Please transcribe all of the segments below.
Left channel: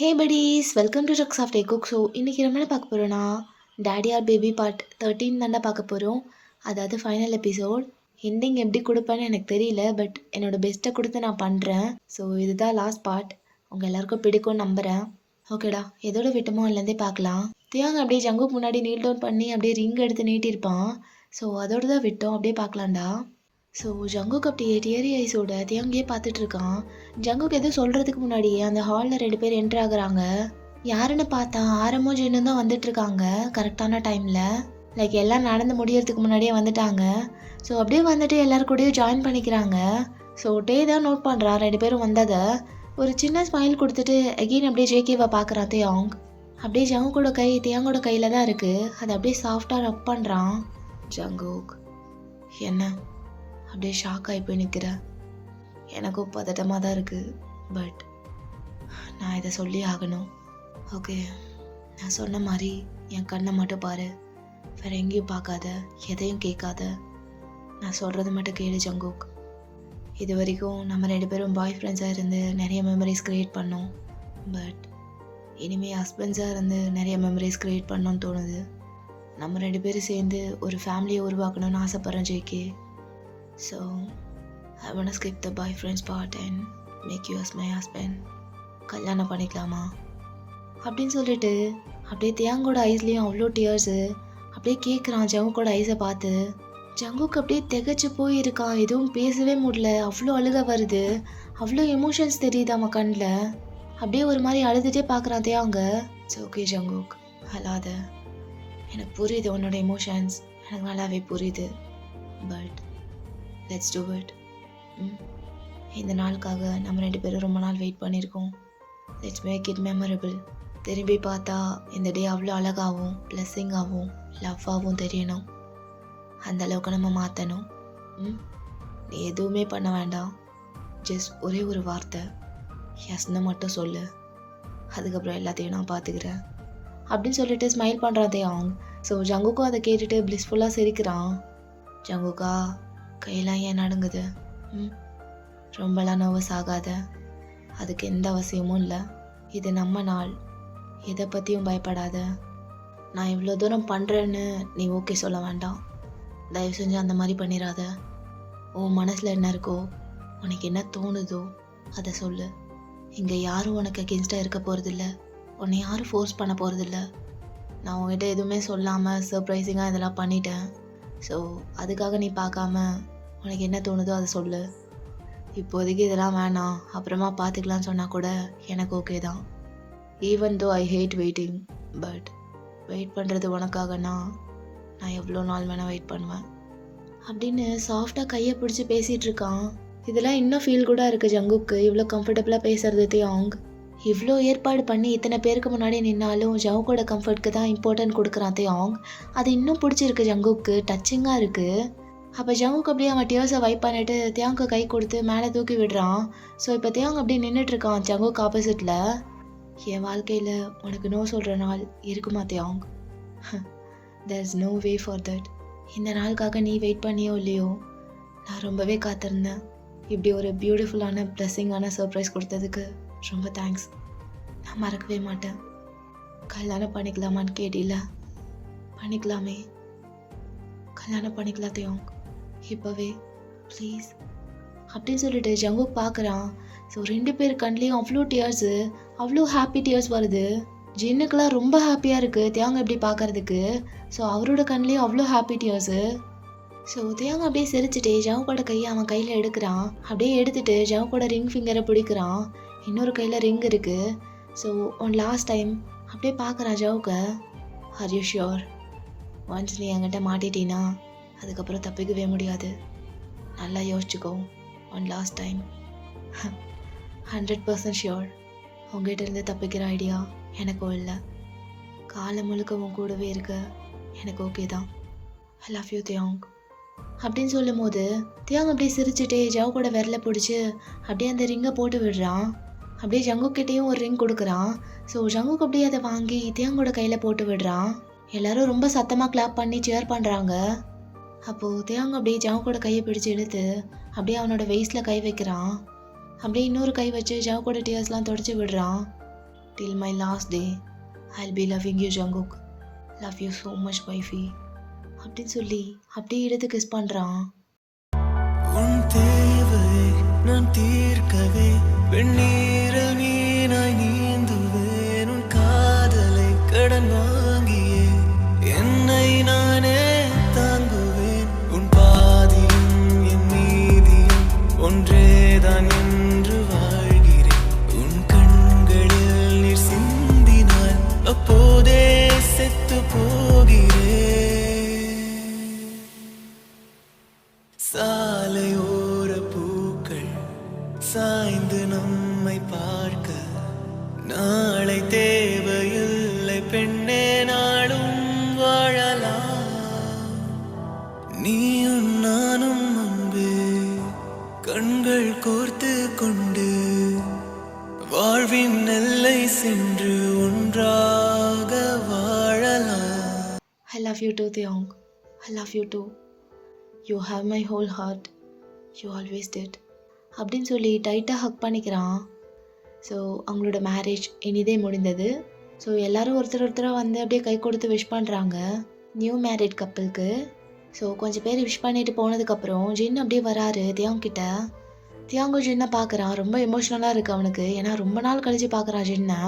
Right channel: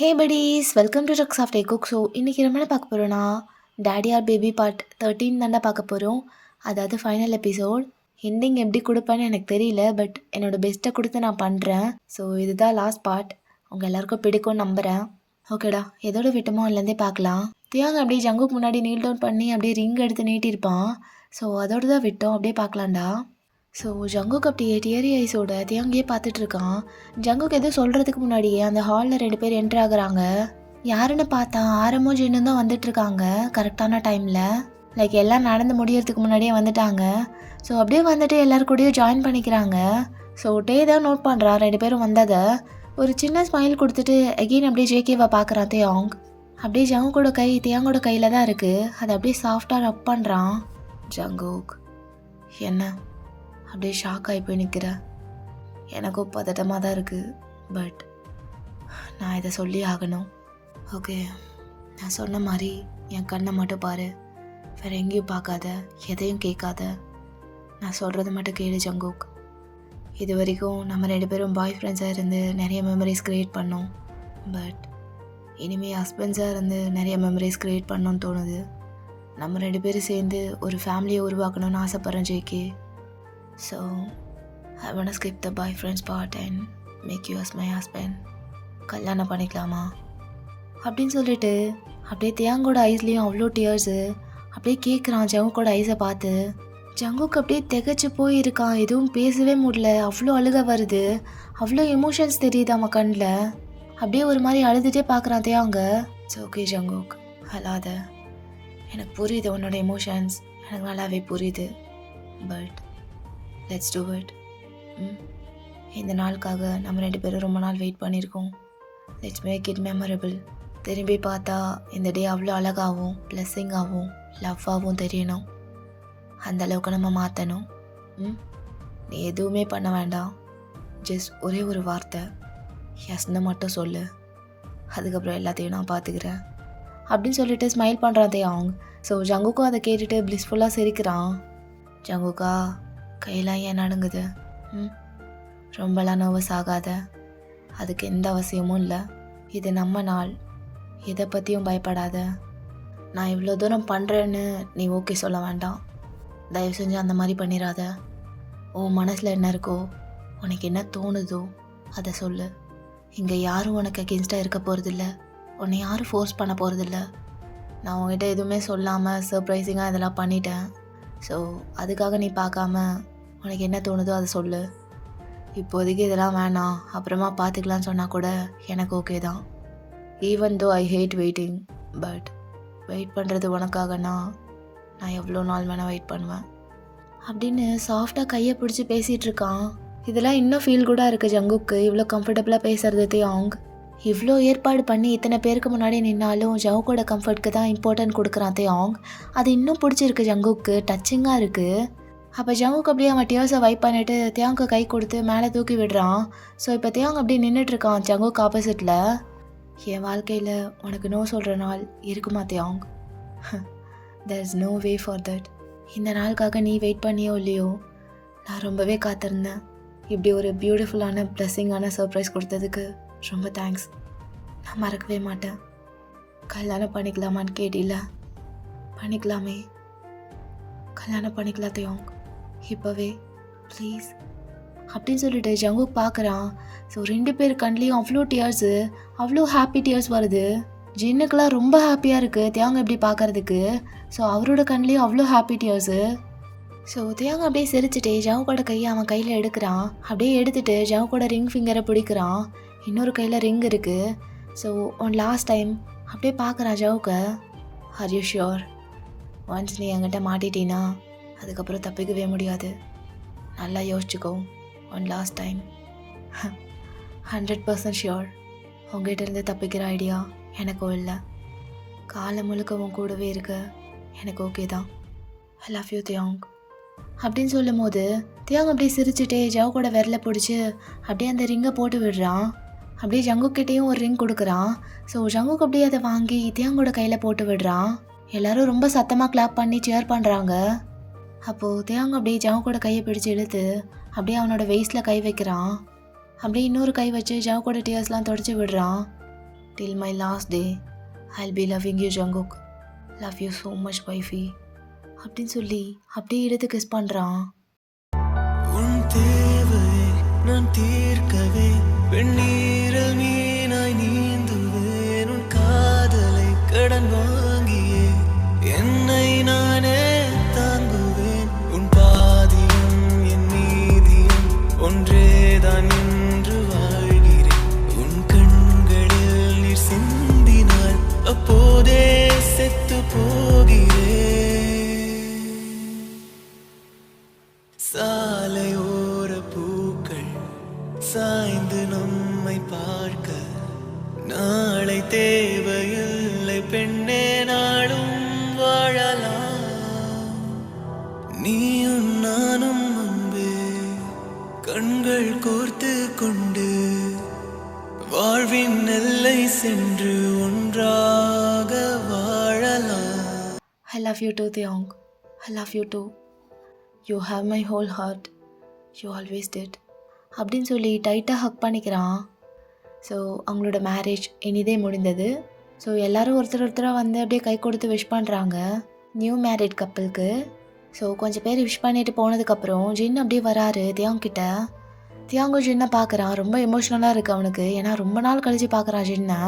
Hey buddies, welcome to trucks of day cook. So இன்றைக்கி நம்ம என்ன பார்க்க போகிறோன்னா டேடி ஆர் பேபி பார்ட் 13 தாண்டா பார்க்க போகிறோம். அதாவது ஃபைனல் எபிசோட். எண்டிங் எப்படி கொடுப்பேன்னு எனக்கு தெரியல, பட் என்னோடய பெஸ்ட்டை கொடுத்து நான் பண்ணுறேன். ஸோ இதுதான் லாஸ்ட் பார்ட். உங்கள் எல்லாருக்கும் பிடிக்கும்னு நம்புகிறேன். ஓகேடா, எதோட விட்டமோ அதுலேருந்தே பார்க்கலாம். தியாங்க அப்படியே ஜங்குக்கு முன்னாடி நீல் டவுன் பண்ணி அப்படியே ரிங் எடுத்து நீட்டியிருப்பான். ஸோ அதோடு தான் விட்டோம், அப்படியே பார்க்கலாம்டா. ஸோ ஜங்குக்கு அப்படியே டியரி ஐஸோட தியாங்கியே பார்த்துட்டு இருக்கான். ஜங்குக்கு எதுவும் சொல்கிறதுக்கு முன்னாடியே அந்த ஹாலில் 2 பேர் என்ட்ரு ஆகுறாங்க. யாருன்னு பார்த்தா ஆரம்பம் ஜென்னு தான் வந்துட்டுருக்காங்க கரெக்டான டைமில். லைக் எல்லாம் நடந்து முடியறதுக்கு முன்னாடியே வந்துட்டாங்க. ஸோ அப்படியே வந்துட்டு எல்லாருக்கூடயும் ஜாயின் பண்ணிக்கிறாங்க. ஸோ டே தான் நோட் பண்ணுறான் 2 பேரும் வந்ததை. ஒரு சின்ன ஸ்மைல் கொடுத்துட்டு அகெயின் அப்படியே ஜேகேவை பார்க்குறான் தியாங். அப்படியே ஜங்குக்கோட கை தியாங்கோட கையில் தான் இருக்குது. அதை அப்படியே சாஃப்டாக ரப் பண்ணுறான். ஜங்குக் என்ன அப்படியே ஷாக் ஆகி போய் நிற்கிறேன். எனக்கும் பதட்டமாக தான் இருக்குது, பட் நான் இதை சொல்லி ஆகணும். ஓகே, நான் சொன்ன மாதிரி என் கண்ணை மட்டும் பாரு, வேறு எங்கேயும் பார்க்காத, எதையும் கேட்காத. நான் சொல்கிறது மட்டும் கேளு ஜங்குக். இது வரைக்கும் நம்ம 2 பேரும் பாய் ஃப்ரெண்ட்ஸாக இருந்து நிறைய மெமரிஸ் க்ரியேட் பண்ணோம். பட் இனிமேல் ஹஸ்பண்ட்ஸாக இருந்து நிறைய மெமரிஸ் க்ரியேட் பண்ணோன்னு தோணுது. நம்ம 2 பேரும் சேர்ந்து ஒரு ஃபேமிலியை உருவாக்கணும்னு ஆசைப்பட்றேன் JK. So, I want to skip the boyfriend's part and make you as my husband. கல்யாணம் பண்ணிக்கலாமா அப்படின்னு சொல்லிட்டு அப்படியே தியாங்கோட ஐஸ்லேயும் அவ்வளோ டியர்ஸு. அப்படியே கேட்குறான் ஜங்குக்கோட ஐஸை பார்த்து. ஜங்குக்கு அப்படியே திகச்சு போயிருக்கான், எதுவும் பேசவே முடியல. அவ்வளோ அழுக வருது, அவ்வளோ எமோஷன்ஸ் தெரியுது அவன் கண்ணில். அப்படியே ஒரு மாதிரி அழுதுகிட்டே பார்க்குறான் தியாங்க. இட்ஸ் ஓகே ஜங்குக், அழாத. எனக்கு புரியுது உன்னோட எமோஷன்ஸ், எனக்கு நல்லாவே புரியுது. But let's do it. இந்த நாளுக்காக நம்ம 2 பேரும் ரொம்ப நாள் வெயிட் பண்ணியிருக்கோம். Let's make it memorable. திரும்பி பார்த்தா இந்த டே அவ்வளோ அழகாகவும் பிளஸ்ஸிங்காகவும் லவ்வாகவும் தெரியணும். அந்த அளவுக்கு நம்ம மாற்றணும். நீ எதுவுமே பண்ண வேண்டாம், ஜஸ்ட் ஒரே ஒரு வார்த்தை எஸ்ன்னு மட்டும் சொல்லு, அதுக்கப்புறம் எல்லாத்தையும் நான் பார்த்துக்கிறேன் அப்படின்னு சொல்லிட்டு ஸ்மைல் பண்ணுறான் தியாங். ஸோ ஜங்குக்கும் அதை கேட்டுட்டு பிளிஸ்ஃபுல்லாக சிரிக்கிறான். ஜங்குக்கா கையெல்லாம் ஏன் நடுங்குது? ரொம்பலாம் நர்வஸ் ஆகாத, அதுக்கு எந்த அவசியமும் இல்லை. இது நம்ம நாள், எதை பற்றியும் பயப்படாத. நான் இவ்வளோ தூரம் பண்ணுறேன்னு நீ ஓகே சொல்ல வேண்டாம். தயவு செஞ்சு அந்த மாதிரி பண்ணிடாத. உன் மனசில் என்ன இருக்கோ, உனக்கு என்ன தோணுதோ அதை சொல்லு. இங்கே யாரும் உனக்கு அகென்ஸ்டாக இருக்க போகிறதில்ல, உன்னை யாரும் ஃபோர்ஸ் பண்ண போகிறதில்ல. நான் உங்ககிட்ட எதுவுமே சொல்லாமல் சர்ப்ரைசிங்காக இதெல்லாம் பண்ணிட்டேன். ஸோ அதுக்காக நீ பார்க்காம உனக்கு என்ன தோணுதோ அதை சொல்லு. இப்போதைக்கு இதெல்லாம் வேணாம், அப்புறமா பார்த்துக்கலான்னு சொன்னால் கூட எனக்கு ஓகே தான். Even though I hate waiting, but wait பண்ணுறது உனக்காகனா நான் எவ்வளோ நாள் வேணால் வெயிட் பண்ணுவேன் அப்படின்னு சாஃப்டாக கையை பிடிச்சி பேசிகிட்டு இருக்கான். இதெல்லாம் இன்னும் ஃபீல் கூட இருக்குது ஜங்குக்கு. இவ்வளோ கம்ஃபர்டபுளாக பேசுறது தியாங். இவ்வளோ ஏற்பாடு பண்ணி இத்தனை பேருக்கு முன்னாடி நின்னாலும் ஜங்குக்கோட கம்ஃபர்ட்க்கு தான் இம்பார்ட்டன்ட் கொடுக்குறான் தியாங். அது இன்னும் பிடிச்சிருக்கு ஜங்குக்கு, டச்சிங்காக இருக்குது. அப்போ ஜங்குக்கு அப்படியே அவன் டியர்ஸை வைப் பண்ணிவிட்டு தியாங்க்கு கை கொடுத்து மேலே தூக்கி விடுறான். ஸோ இப்போ தியாங் அப்படியே நின்றுட்டுருக்கான் ஜங்குக்கு ஆப்போசிட்டில். என் வாழ்க்கையில் உனக்கு நோ சொல்கிற நாள் இருக்குமா தியாங்? There is no way for that. இந்த நாளுக்காக நீ வெயிட் பண்ணியோ இல்லையோ, நான் ரொம்பவே காத்திருந்தேன். இப்படி ஒரு பியூட்டிஃபுல்லான பிளஸ்ஸிங்கான சர்ப்ரைஸ் கொடுத்ததுக்கு ரொம்ப தேங்க்ஸ். நான் மறக்கவே மாட்டேன். கல்யாணம் பண்ணிக்கலாமான்னு கேட்டில, பண்ணிக்கலாமே. கல்யாணம் பண்ணிக்கலாம் தியாங், இப்போவே ப்ளீஸ் அப்படின்னு சொல்லிட்டு ஜங்குக் பார்க்குறான். ஸோ 2 பேர் கண்லேயும் அவ்வளோ டியர்ஸு, அவ்வளோ ஹாப்பி டியர்ஸ் வருது. ஜின்னுக்கெலாம் ரொம்ப ஹாப்பியாக இருக்குது தியாங் எப்படி பார்க்குறதுக்கு. ஸோ அவரோட கண்லேயும் அவ்வளோ ஹாப்பி டியர்ஸு. ஸோ தியாங் அப்படியே சிரிச்சுட்டு ஜங்குக்கோட கையை அவன் கையில் எடுக்கிறான். அப்படியே எடுத்துகிட்டு ஜங்குக்கோட ரிங் ஃபிங்கரை பிடிக்கிறான். இன்னொரு கையில் ரிங் இருக்குது. ஸோ ஒன் லாஸ்ட் டைம் அப்படியே பார்க்குறான் ஜவுக்க. Are you sure? ஒன்ஸ் நீ என்கிட்ட மாட்டிட்டீன்னா அதுக்கப்புறம் தப்பிக்கவே முடியாது. நல்லா யோசிச்சுக்கோ. One last time. 100% ஷியோர். உங்ககிட்ட இருந்து தப்பிக்கிற ஐடியா எனக்கும் இல்லை. காலம் முழுக்க உன் கூடவே இருக்க எனக்கு ஓகே தான். ஐ லவ் யூ தியாங் அப்படின்னு சொல்லும் போது தியாங் அப்படியே சிரிச்சுட்டே ஜவுக்கோட விரலை பிடிச்சி அப்படியே அந்த ரிங்கை போட்டு விடுறான். அப்படியே ஜங்குக்கிட்டேயும் ஒரு ரிங் கொடுக்குறான். ஸோ ஜங்குக்கு அப்படியே அதை வாங்கி தியாங்கோட கையில் போட்டு விடுறான். எல்லாரும் ரொம்ப சத்தமாக கிளாப் பண்ணி சேர் பண்ணுறாங்க. அப்போது தியாங் அப்படியே ஜங்குக்கோட கையை பிடிச்சி இழுத்து அப்படியே அவனோட வெயிஸ்டில் கை வைக்கிறான். அப்படியே இன்னொரு கை வச்சு ஜவுக்கோட டியர்ஸ்லாம் தொடச்சி விடுறான். till my last day I'll be loving you Jungkook. Love you so much wifey. அப்படின்னு சொல்லி அப்படியே எடுத்து கிஸ் பண்ணுறான். உன் தேவையை நான் தீர்க்கவே வெந்நீரில் மீனாய் நீந்துவேன். உன் காதலை கடன் வாங்கியே என்னை நானே தாங்குவேன். உன் பாதியும் என் மீதியும் ஒன்றேதான் என்று வாழ்கிறேன். உன் கண்களில் நீர் சிந்தினால் அப்போதே செத்து போகிறேன். சாலையோர பூக்கள் சாய்ந்து நம்மை பார்க்க நாளை தேவையில்லை பெண்ணே, நாளும் வாழலாம். நீயும் நானும் அன்பே கண்கள் கோர்த்து கொண்டு வாழ்வின் எல்லை சென்று ஒன்றாக வாழலாம். I love you too Theong. I love you too. You have my whole heart. You always did. அப்படின்னு சொல்லி டைட்டாக ஹக் பண்ணிக்கிறான். ஸோ அவங்களோட மேரேஜ் இனிதே முடிந்தது. ஸோ எல்லோரும் ஒருத்தராக வந்து அப்படியே கை கொடுத்து விஷ் பண்ணுறாங்க நியூ மேரிட் கப்பலுக்கு. ஸோ கொஞ்சம் பேர் விஷ் பண்ணிட்டு போனதுக்கப்புறம் ஜின் அப்படியே வராரு தியாங் கிட்ட. தியாங்கும் ஜின்னை பார்க்குறான். ரொம்ப எமோஷ்னலாக இருக்குது அவனுக்கு. ஏன்னா ரொம்ப நாள் கழித்து பார்க்குறான் ஜின்னை.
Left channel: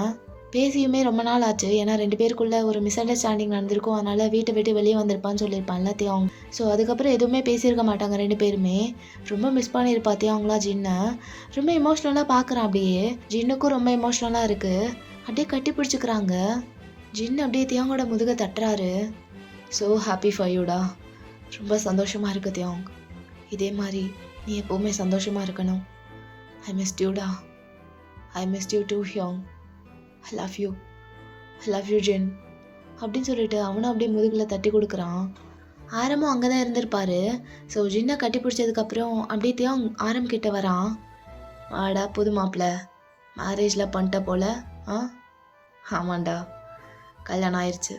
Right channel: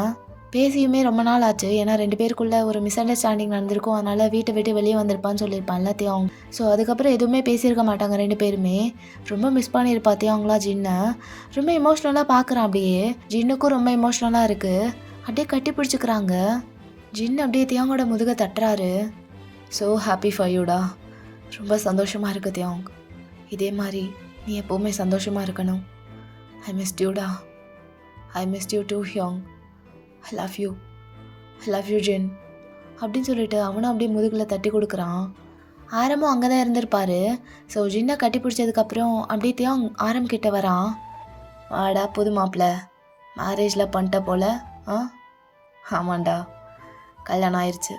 பேசியுமே ரொம்ப நாள் ஆச்சு. ஏன்னா 2 பேருக்குள்ளே ஒரு மிஸ் அண்டர்ஸ்டாண்டிங் நடந்திருக்கும். அதனால் வீட்டை விட்டு வெளியே வந்திருப்பான்னு சொல்லியிருப்பான்ல தியாங். ஸோ அதுக்கப்புறம் எதுவுமே பேசியிருக்க மாட்டாங்க 2 பேருமே. ரொம்ப மிஸ் பண்ணியிருப்பா தியாங்லாம் ஜின்னை. ரொம்ப எமோஷ்னலாக பார்க்குறான் அப்படியே. ஜின்னுக்கும் ரொம்ப எமோஷ்னலாக இருக்குது. அப்படியே கட்டி பிடிச்சிக்கிறாங்க. ஜின் அப்படியே தியாங்கோட முதுகை தட்டுறாரு. ஸோ ஹாப்பி ஃபார் யூடா. ரொம்ப சந்தோஷமாக இருக்குது தியாங். இதே மாதிரி நீ எப்போவுமே சந்தோஷமாக இருக்கணும். ஐ மிஸ் யூடா. ஐ மிஸ் யூ டூ ஹியோங். I love you. I love you Jin அப்படின்னு சொல்லிட்டு அவனும் அப்படியே முதுகில் தட்டி கொடுக்குறான். ஆரமும் அங்கே தான் இருந்திருப்பாரு. ஸோ ஜின்னை கட்டி பிடிச்சதுக்கப்புறம் அப்படியே தியாங் ஆரம் கிட்ட வரான். ஆடா புது மாப்பிள்ள மேரேஜில் பண்ணிட்ட போல. ஆமாண்டா கல்யாணம் ஆயிடுச்சு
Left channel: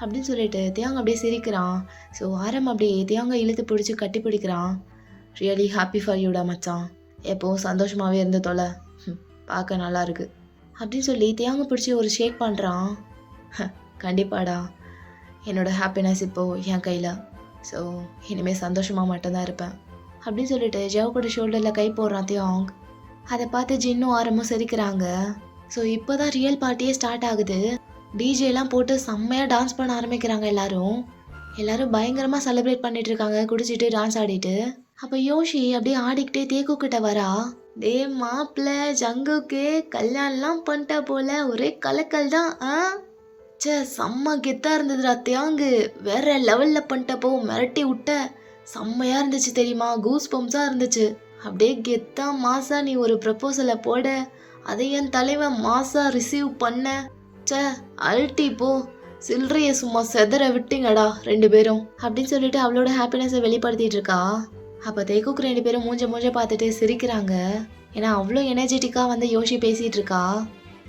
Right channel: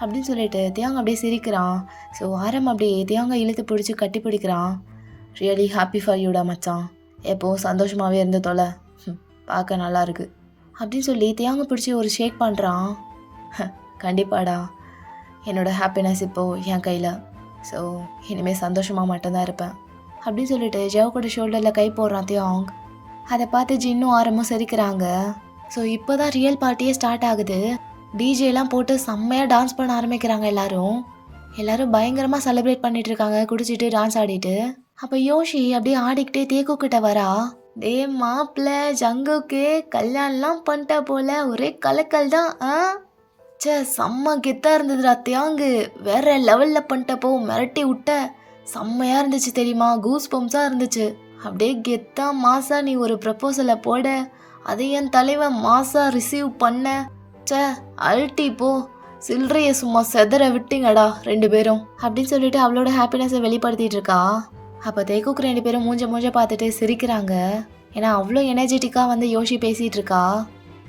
அப்படின்னு சொல்லிட்டு தியாங் அப்படியே சிரிக்கிறான். ஸோ ஆரம் அப்படியே தியாங்கை இழுத்து பிடிச்சி கட்டி பிடிக்கிறான். ரியலி ஹாப்பி ஃபார் யூடா மச்சான். எப்போவும் சந்தோஷமாகவே இருந்த தொலை. பார்க்க நல்லா இருக்கு அப்படின்னு சொல்லி தியாங்க பிடிச்சி ஒரு ஷேக் பண்ணுறான். கண்டிப்பாடா என்னோடய ஹாப்பினஸ் இப்போது என் கையில். ஸோ இனிமேல் சந்தோஷமாக மட்டும்தான் இருப்பேன் அப்படின்னு சொல்லிட்டு ஜெவ் ஷோல்டரில் கை போடுறான் தியாங். அதை பார்த்து ஜின்னும் ஆரமும் சிரிக்கிறாங்க. ஸோ இப்போ தான் ரியல் பார்ட்டியே ஸ்டார்ட் ஆகுது. டிஜேலாம் போட்டு செம்மையாக டான்ஸ் பண்ண ஆரம்பிக்கிறாங்க எல்லாரும் பயங்கரமாக செலிப்ரேட் பண்ணிட்டு இருக்காங்க குடிச்சிட்டு டான்ஸ் ஆடிட்டு. அப்போ யோஷி அப்படியே ஆடிக்கிட்டே தேக்கு கிட்ட வரா. டே மாப்பிள்ள ஜங்குக்கு கல்யாணம்லாம் பண்ணிட்டா போல, ஒரே கலக்கல் தான். சே செம்ம கெத்தாக இருந்ததுடா தியாங்கு. வேற லெவலில் பண்ணிட்டப்போ மிரட்டி விட்ட. செம்மையாக இருந்துச்சு தெரியுமா. கூஸ் பம்ப்ஸாக இருந்துச்சு. அப்படியே கெத்தா மாசா நீ ஒரு ப்ரப்போசலை போட, அதை என் தலைவன் மாசா ரிசீவ் பண்ண. சே அல்ட்டி போ. சில்லறையை சும்மா செதற விட்டீங்கடா 2 பேரும் அப்படின்னு சொல்லிட்டு அவளோட ஹாப்பினஸை வெளிப்படுத்திட்டு இருக்கா. அப்போ தேக்குக்கு 2 பேரும் மூஞ்ச பார்த்துட்டு சிரிக்கிறாங்க. ஏன்னா அவ்வளோ எனர்ஜெட்டிக்காக வந்து யோஷி பேசிகிட்டு இருக்கா.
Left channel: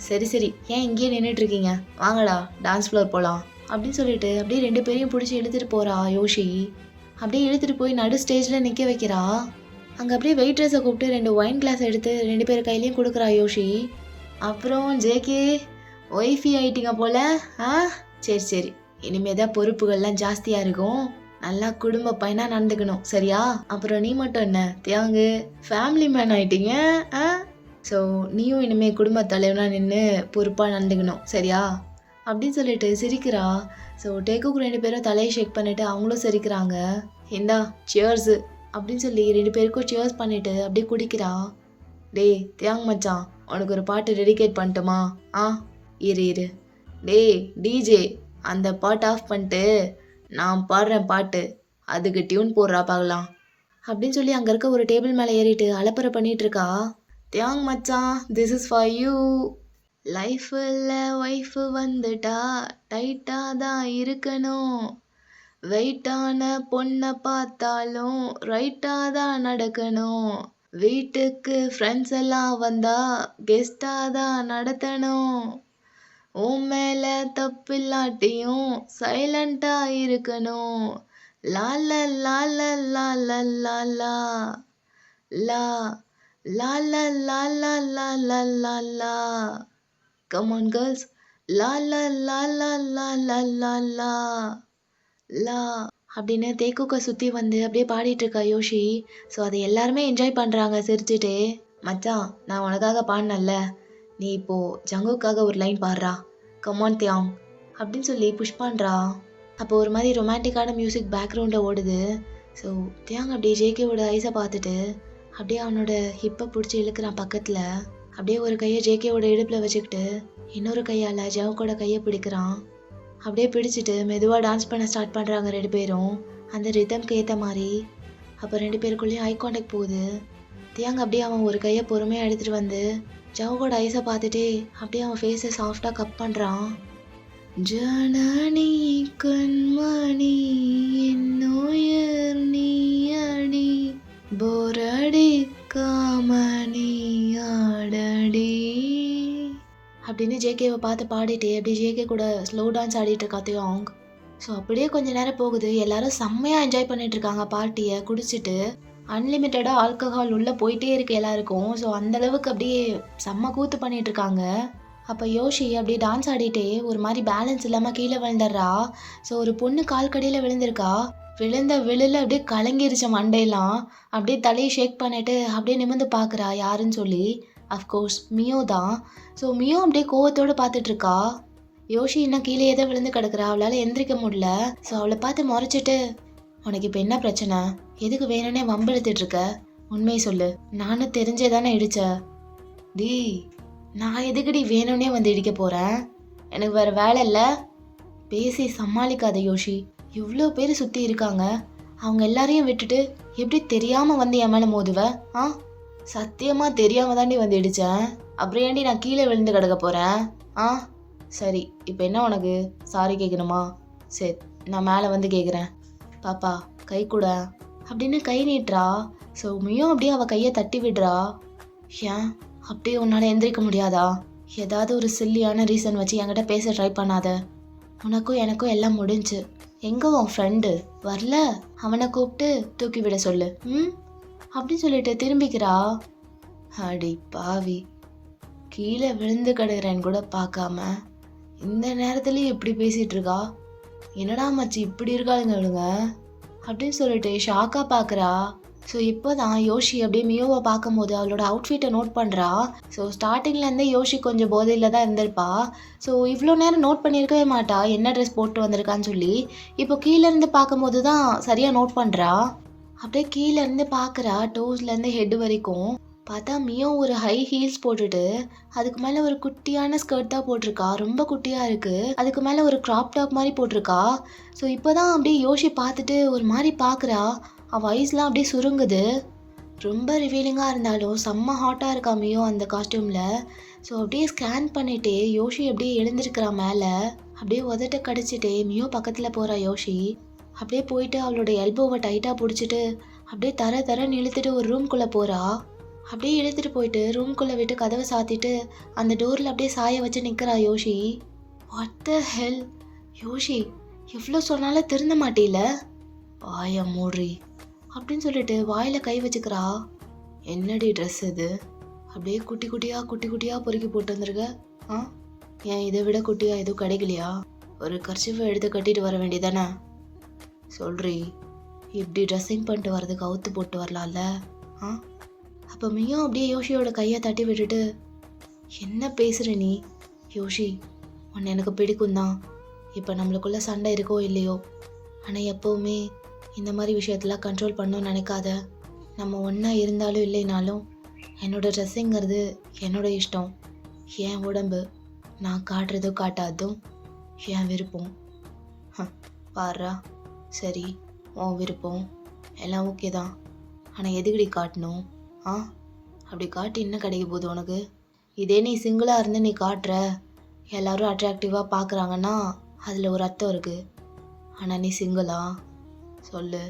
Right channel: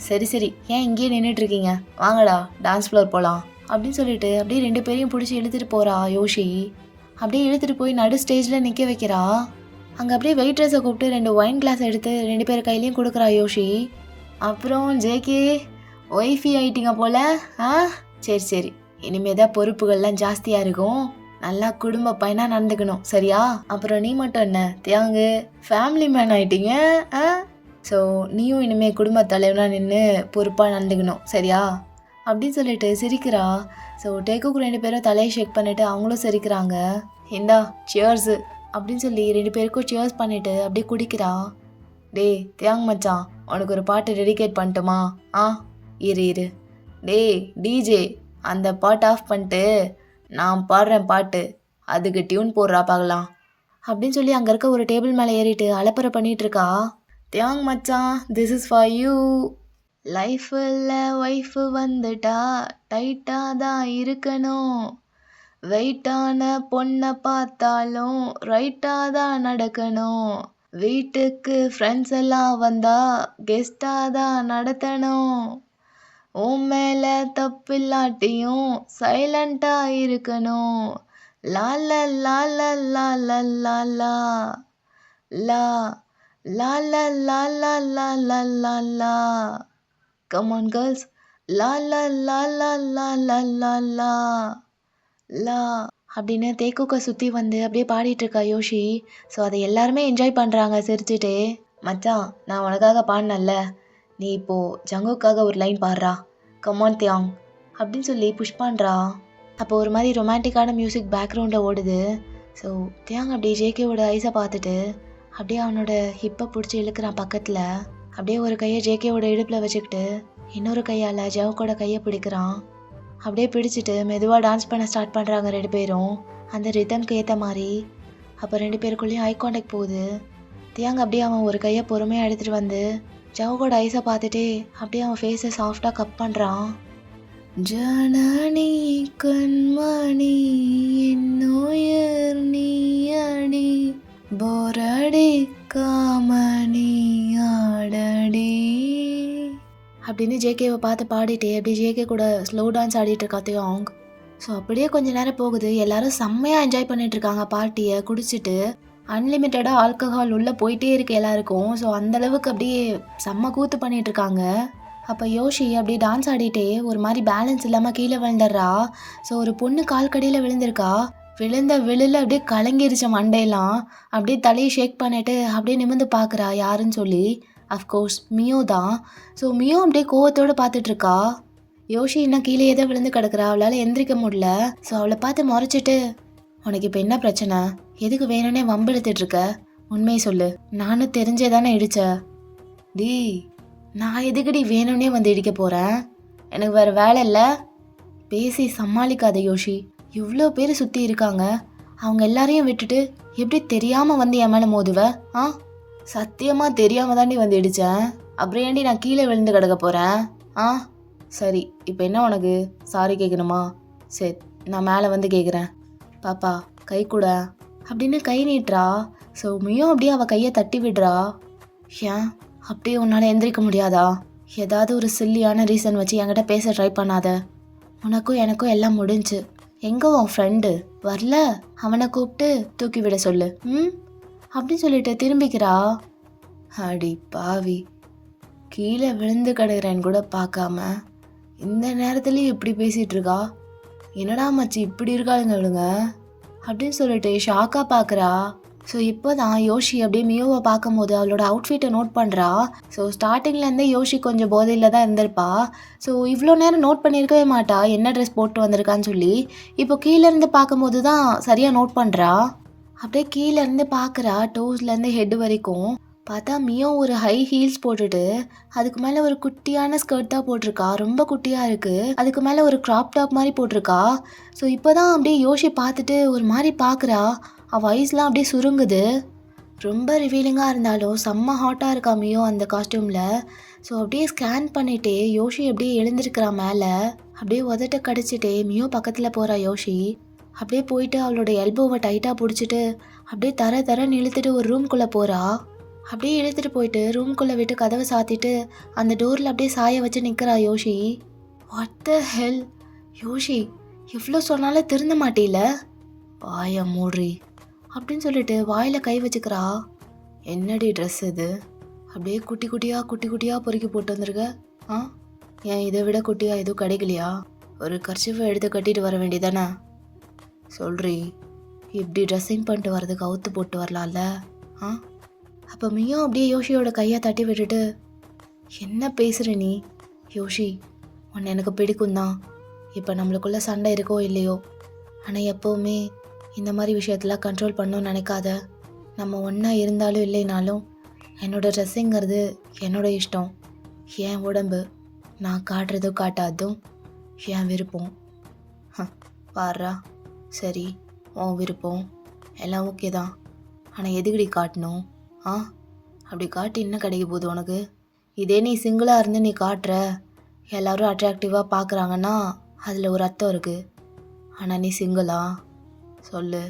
சரி ஏன் இங்கேயே நின்றுட்டு இருக்கீங்க, வாங்கடா டான்ஸ் ஃப்ளோர் போகலாம் அப்படின்னு சொல்லிட்டு அப்படியே 2 பேரையும் பிடிச்சி இழுத்துட்டு போகிறா யோஷி. அப்படியே இழுத்துட்டு போய் நடு ஸ்டேஜில் நிற்க வைக்கிறா. அங்கே அப்படியே வெயிட்ரஸை கூப்பிட்டு 2 ஒயின் கிளாஸ் எடுத்து 2 பேர் கையிலையும் கொடுக்குறா யோஷி. அப்புறம் ஜேகே ஒய்ஃபி ஆயிட்டீங்க போல. சரி இனிமே தான் பொறுப்புகள்லாம் ஜாஸ்தியாக இருக்கும். நல்லா குடும்ப பையனாக நடந்துக்கணும் சரியா. அப்புறம் நீ மட்டும் என்ன தியாங்கு ஃபேமிலி மேன் ஆயிட்டீங்க. ஸோ நீயும் இனிமேல் குடும்ப தலைவனாக நின்று பொறுப்பாக நடந்துக்கணும் சரியா அப்படின்னு சொல்லிட்டு சிரிக்கிறா. ஸோ டேக்குக்கு 2 பேரும் தலையை ஷேக் பண்ணிவிட்டு அவங்களும் சிரிக்கிறாங்க. இந்தா சியர்ஸு அப்படின்னு சொல்லி 2 பேருக்கும் சியர்ஸ் பண்ணிவிட்டு அப்படியே குடிக்கிறா. டே தியாங் மச்சான் உனக்கு ஒரு பாட்டு டெடிகேட் பண்ணட்டுமா? இரு டே டிஜே அந்த பாட்டு ஆஃப் பண்ணிட்டு நான் பாடுறேன் பாட்டு, அதுக்கு டியூன் போடுறா பார்க்கலாம் அப்படின்னு சொல்லி அங்கே இருக்க ஒரு டேபிள் மேலே ஏறிட்டு அலப்பறை பண்ணிகிட்டு இருக்கா. தியாங் மச்சான் திஸ் இஸ் ஃபார் யூ. லைஃபில் ஒய்ஃபு வந்துட்டா டைட்டாக தான் இருக்கணும். வெயிட்டான பொண்ணை பார்த்தாலும் ரைட்டாக தான் நடக்கணும். வீட்டுக்கு ஃப்ரெண்ட்ஸ் எல்லாம் வந்தா கெஸ்டாக தான் நடத்தணும். உன் மேலே தப்பில்லாட்டியும் சைலண்டாக இருக்கணும். லால லால லால லாலா லா லால லால லால லாலா. Come on girls. லா லா லா லா லா லா லா லா லா அப்படின்னு தேக்குக்க சுற்றி வந்து அப்படியே பாடிட்டு இருக்கா யோஷி. ஸோ அதை எல்லாருமே என்ஜாய் பண்ணுறாங்க சிரிச்சுட்டே. மச்சான், நான் உனக்காக பாடினல்ல, நீ இப்போ ஜங்குக்காக ஒரு லைன் பாடுறா, கமான் தியாங் அப்படின்னு சொல்லி புஷ் பண்ணுறா. அப்போ ஒரு மாதிரி ரொமான்டிக்கான மியூசிக் பேக்ரவுண்டில் ஓடுது. ஸோ தியாங் அப்படியே ஜேகேவோட ஐஸை பார்த்துட்டு அப்படியே அவனோட ஹிப்பை பிடிச்சி இழுக்கிறான் பக்கத்தில். அப்படியே ஒரு கையை ஜேகேவோட இடுப்பில் வச்சுக்கிட்டு இன்னொரு கையால் ஜவுக்கோட கையை பிடிக்கிறான். அப்படியே பிடிச்சிட்டு மெதுவாக டான்ஸ் பண்ண ஸ்டார்ட் பண்ணுறாங்க 2 பேரும் அந்த ரிதம்க்கு ஏற்ற மாதிரி. அப்போ 2 பேருக்குள்ளேயும் ஐ கான்டாக்ட் போகுது. தியாங் அப்படியே அவன் ஒரு கையை பொறுமையாக எடுத்துகிட்டு வந்து ஜவுக்கோட ஐஸை பார்த்துட்டே அப்படியே அவன் ஃபேஸை சாஃப்டாக கப் பண்ணுறான். ஜனனி கண்மணி என்னுயிர் நீயடி போரடி காமணி ஆடடி அப்படின்னு ஜேகேவை பார்த்து பாடிட்டே அப்படியே ஜேகே கூட ஸ்லோ டான்ஸ் ஆடிட்டு இருக்கா தியாங். ஸோ அப்படியே கொஞ்ச நேரம் போகுது. எல்லாரும் செம்மையாக என்ஜாய் பண்ணிட்டு இருக்காங்க பார்ட்டியை குடிச்சிட்டு. அன்லிமிட்டடாக ஆல்கஹால் உள்ளே போயிட்டே இருக்கு எல்லாருக்கும். ஸோ அந்தளவுக்கு அப்படியே செம்ம கூத்து பண்ணிட்டு இருக்காங்க. அப்போ யோஷி அப்படியே டான்ஸ் ஆடிட்டே ஒரு மாதிரி பேலன்ஸ் இல்லாமல் கீழே விழுந்துடுறா. ஸோ ஒரு பொண்ணு கால் கடியில் விழுந்திருக்கா. விழுந்த விழுல அப்படியே கலங்கிருச்ச மண்டையெல்லாம். அப்படியே தலையை ஷேக் பண்ணிட்டு அப்படியே நிமிர்ந்து பார்க்குறா யாருன்னு சொல்லி. அஃப்கோர்ஸ் மியோ தான். ஸோ மியோ அப்படியே கோவத்தோடு பார்த்துட்ருக்கா. யோஷி இன்னும் கீழே தான் விழுந்து கிடக்குறா. அவளால் எந்திரிக்க முடியல. ஸோ அவளை பார்த்து முறைச்சிட்டு, உனக்கு இப்போ என்ன பிரச்சனை, எதுக்கு வேணும்னே வம்பிழுத்துட்டு இருக்க, உண்மையை சொல்லு, நானும் தெரிஞ்சே தானே இடிச்ச. டி நான் எதுக்குடி வேணும்னே வந்து இடிக்க போகிறேன், எனக்கு வேறு வேலை இல்லை. பேசி சமாளிக்காத யோஷி. இவ்வளோ பேர் சுற்றி இருக்காங்க, அவங்க எல்லாரையும் விட்டுட்டு எப்படி தெரியாமல் வந்து என் மேலே மோதுவ? ஆ, சத்தியமாக தெரியாமல் தாண்டி வந்து இடித்தேன். அப்புறம் ஏண்டி நான் கீழே விழுந்து கிடக்க போகிறேன்? ஆ சரி, இப்போ என்ன உனக்கு சாரி கேட்கணுமா? சரி, நான் மேலே வந்து கேட்குறேன். பாப்பா கை கூட அப்படின்னு கை நீட்டுறா. ஸோ மியோ அப்படியே அவள் கையை தட்டி விடுறா. ஏன் அப்படியே உன்னால் எந்திரிக்க முடியாதா? ஏதாவது ஒரு சில்லியான ரீசன் வச்சு என்கிட்ட பேச ட்ரை பண்ணாத. உனக்கும் எனக்கும் எல்லாம் முடிஞ்சு. எங்கே உன் ஃப்ரெண்டு வரல? அவனை கூப்பிட்டு தூக்கி விட சொல்லு. அப்படின்னு சொல்லிட்டு திரும்பிக்கிறா. அடி பாவி, கீழே விழுந்து கிடக்குறேன்னு கூட பார்க்காம இந்த நேரத்துலேயும் இப்படி பேசிகிட்டு இருக்கா. என்னடா மச்சி இப்படி இருக்காளுங்க இவளுங்க அப்படின்னு சொல்லிட்டு ஷாக்காக பார்க்குறா. ஸோ இப்போ தான் யோஷி அப்படியே மியோவை பார்க்கும்போது அவளோட அவுட்ஃபிட்டை நோட் பண்ணுறா. ஸோ ஸ்டார்டிங்லேருந்தே யோஷி கொஞ்சம் போதையில் தான் இருந்திருப்பா. ஸோ இவ்வளோ நேரம் நோட் பண்ணியிருக்கவே மாட்டா என்ன ட்ரெஸ் போட்டு வந்திருக்கான்னு சொல்லி. இப்போ கீழேருந்து பார்க்கும்போது தான் சரியாக நோட் பண்ணுறா. அப்படியே கீழேருந்து பார்க்குறா, டோஸ்லேருந்து ஹெட் வரைக்கும். பார்த்தா மியோ ஒரு ஹை ஹீல்ஸ் போட்டுட்டு அதுக்கு மேலே ஒரு குட்டியான ஸ்கர்ட் தான் போட்டிருக்கா. ரொம்ப குட்டியாக இருக்குது. அதுக்கு மேலே ஒரு க்ராப் டாப் மாதிரி போட்டிருக்கா. ஸோ இப்போ தான் அப்படியே யோஷி பார்த்துட்டு ஒரு மாதிரி பார்க்குறா. அவள் ஐஸ்லாம் அப்படியே சுருங்குது. ரொம்ப ரிவீலிங்காக இருந்தாலும் செம்ம ஹாட்டாக இருக்கா மியோ அந்த காஸ்டியூமில். ஸோ அப்படியே ஸ்கேன் பண்ணிகிட்டே யோஷி அப்படியே எழுந்திருக்கிறா மேலே. அப்படியே உதட்ட கடிச்சிட்டே மியோ பக்கத்தில் போகிறா யோஷி. அப்படியே போயிட்டு அவளோட எல்போவை டைட்டாக பிடிச்சிட்டு அப்படியே தரன்னு இழுத்துட்டு ஒரு ரூம்குள்ளே போகிறா. அப்படியே இழுத்துட்டு போயிட்டு ரூம்குள்ளே விட்டு கதவை சாத்திட்டு அந்த டோரில் அப்படியே சாய வச்சு நிற்கிறா யோஷி. வாட் த ஹெல் யோஷி, எவ்வளோ சொன்னாலும் திருந்த மாட்டேல, வாய மூடுறி அப்படின்னு சொல்லிட்டு வாயில் கை வச்சுக்கிறா. என்னடி ட்ரெஸ் இது, அப்படியே குட்டி குட்டியாக பொறுக்கி போட்டு வந்திருக்க. ஏன் இதை விட குட்டியாக எதுவும் கிடைக்கலையா? ஒரு கர்ச்சிஃபை எடுத்து கட்டிட்டு வர வேண்டியதானே? சொல்றி, இப்படி ட்ரெஸ்ஸிங் பண்ணிட்டு வர்றதுக்கு அவுத்து போட்டு வரலாம்ல? அப்போ மியோ அப்படியே யோஷியோட கையை தட்டி விட்டுட்டு, என்ன பேசுகிற நீ யோஷி, உன்னை எனக்கு பிடிக்கும் தான். இப்போ நம்மளுக்குள்ளே சண்டை இருக்கோ இல்லையோ, ஆனால் எப்போவுமே இந்த மாதிரி விஷயத்தெல்லாம் கண்ட்ரோல் பண்ணணும்னு நினைக்காத. நம்ம ஒன்றா இருந்தாலும் இல்லைனாலும் என்னோடய ட்ரெஸ்ஸிங்கிறது என்னோட இஷ்டம், என் உடம்பு, நான் காட்டுறதும் காட்டாதும் என் விருப்பம். பாடுறா, சரி உன் விருப்பம் எல்லாம் ஓகே தான், ஆனால் எதுக்கடி காட்டணும்? அப்படி காட்டி என்ன கிடைக்க போகுது உனக்கு? இதே நீ சிங்கிளாக இருந்து நீ காட்டுற, எல்லோரும் அட்ராக்டிவாக பார்க்குறாங்கன்னா அதில் ஒரு அர்த்தம் இருக்குது. ஆனால் நீ சிங்கிளா? சொல்லு,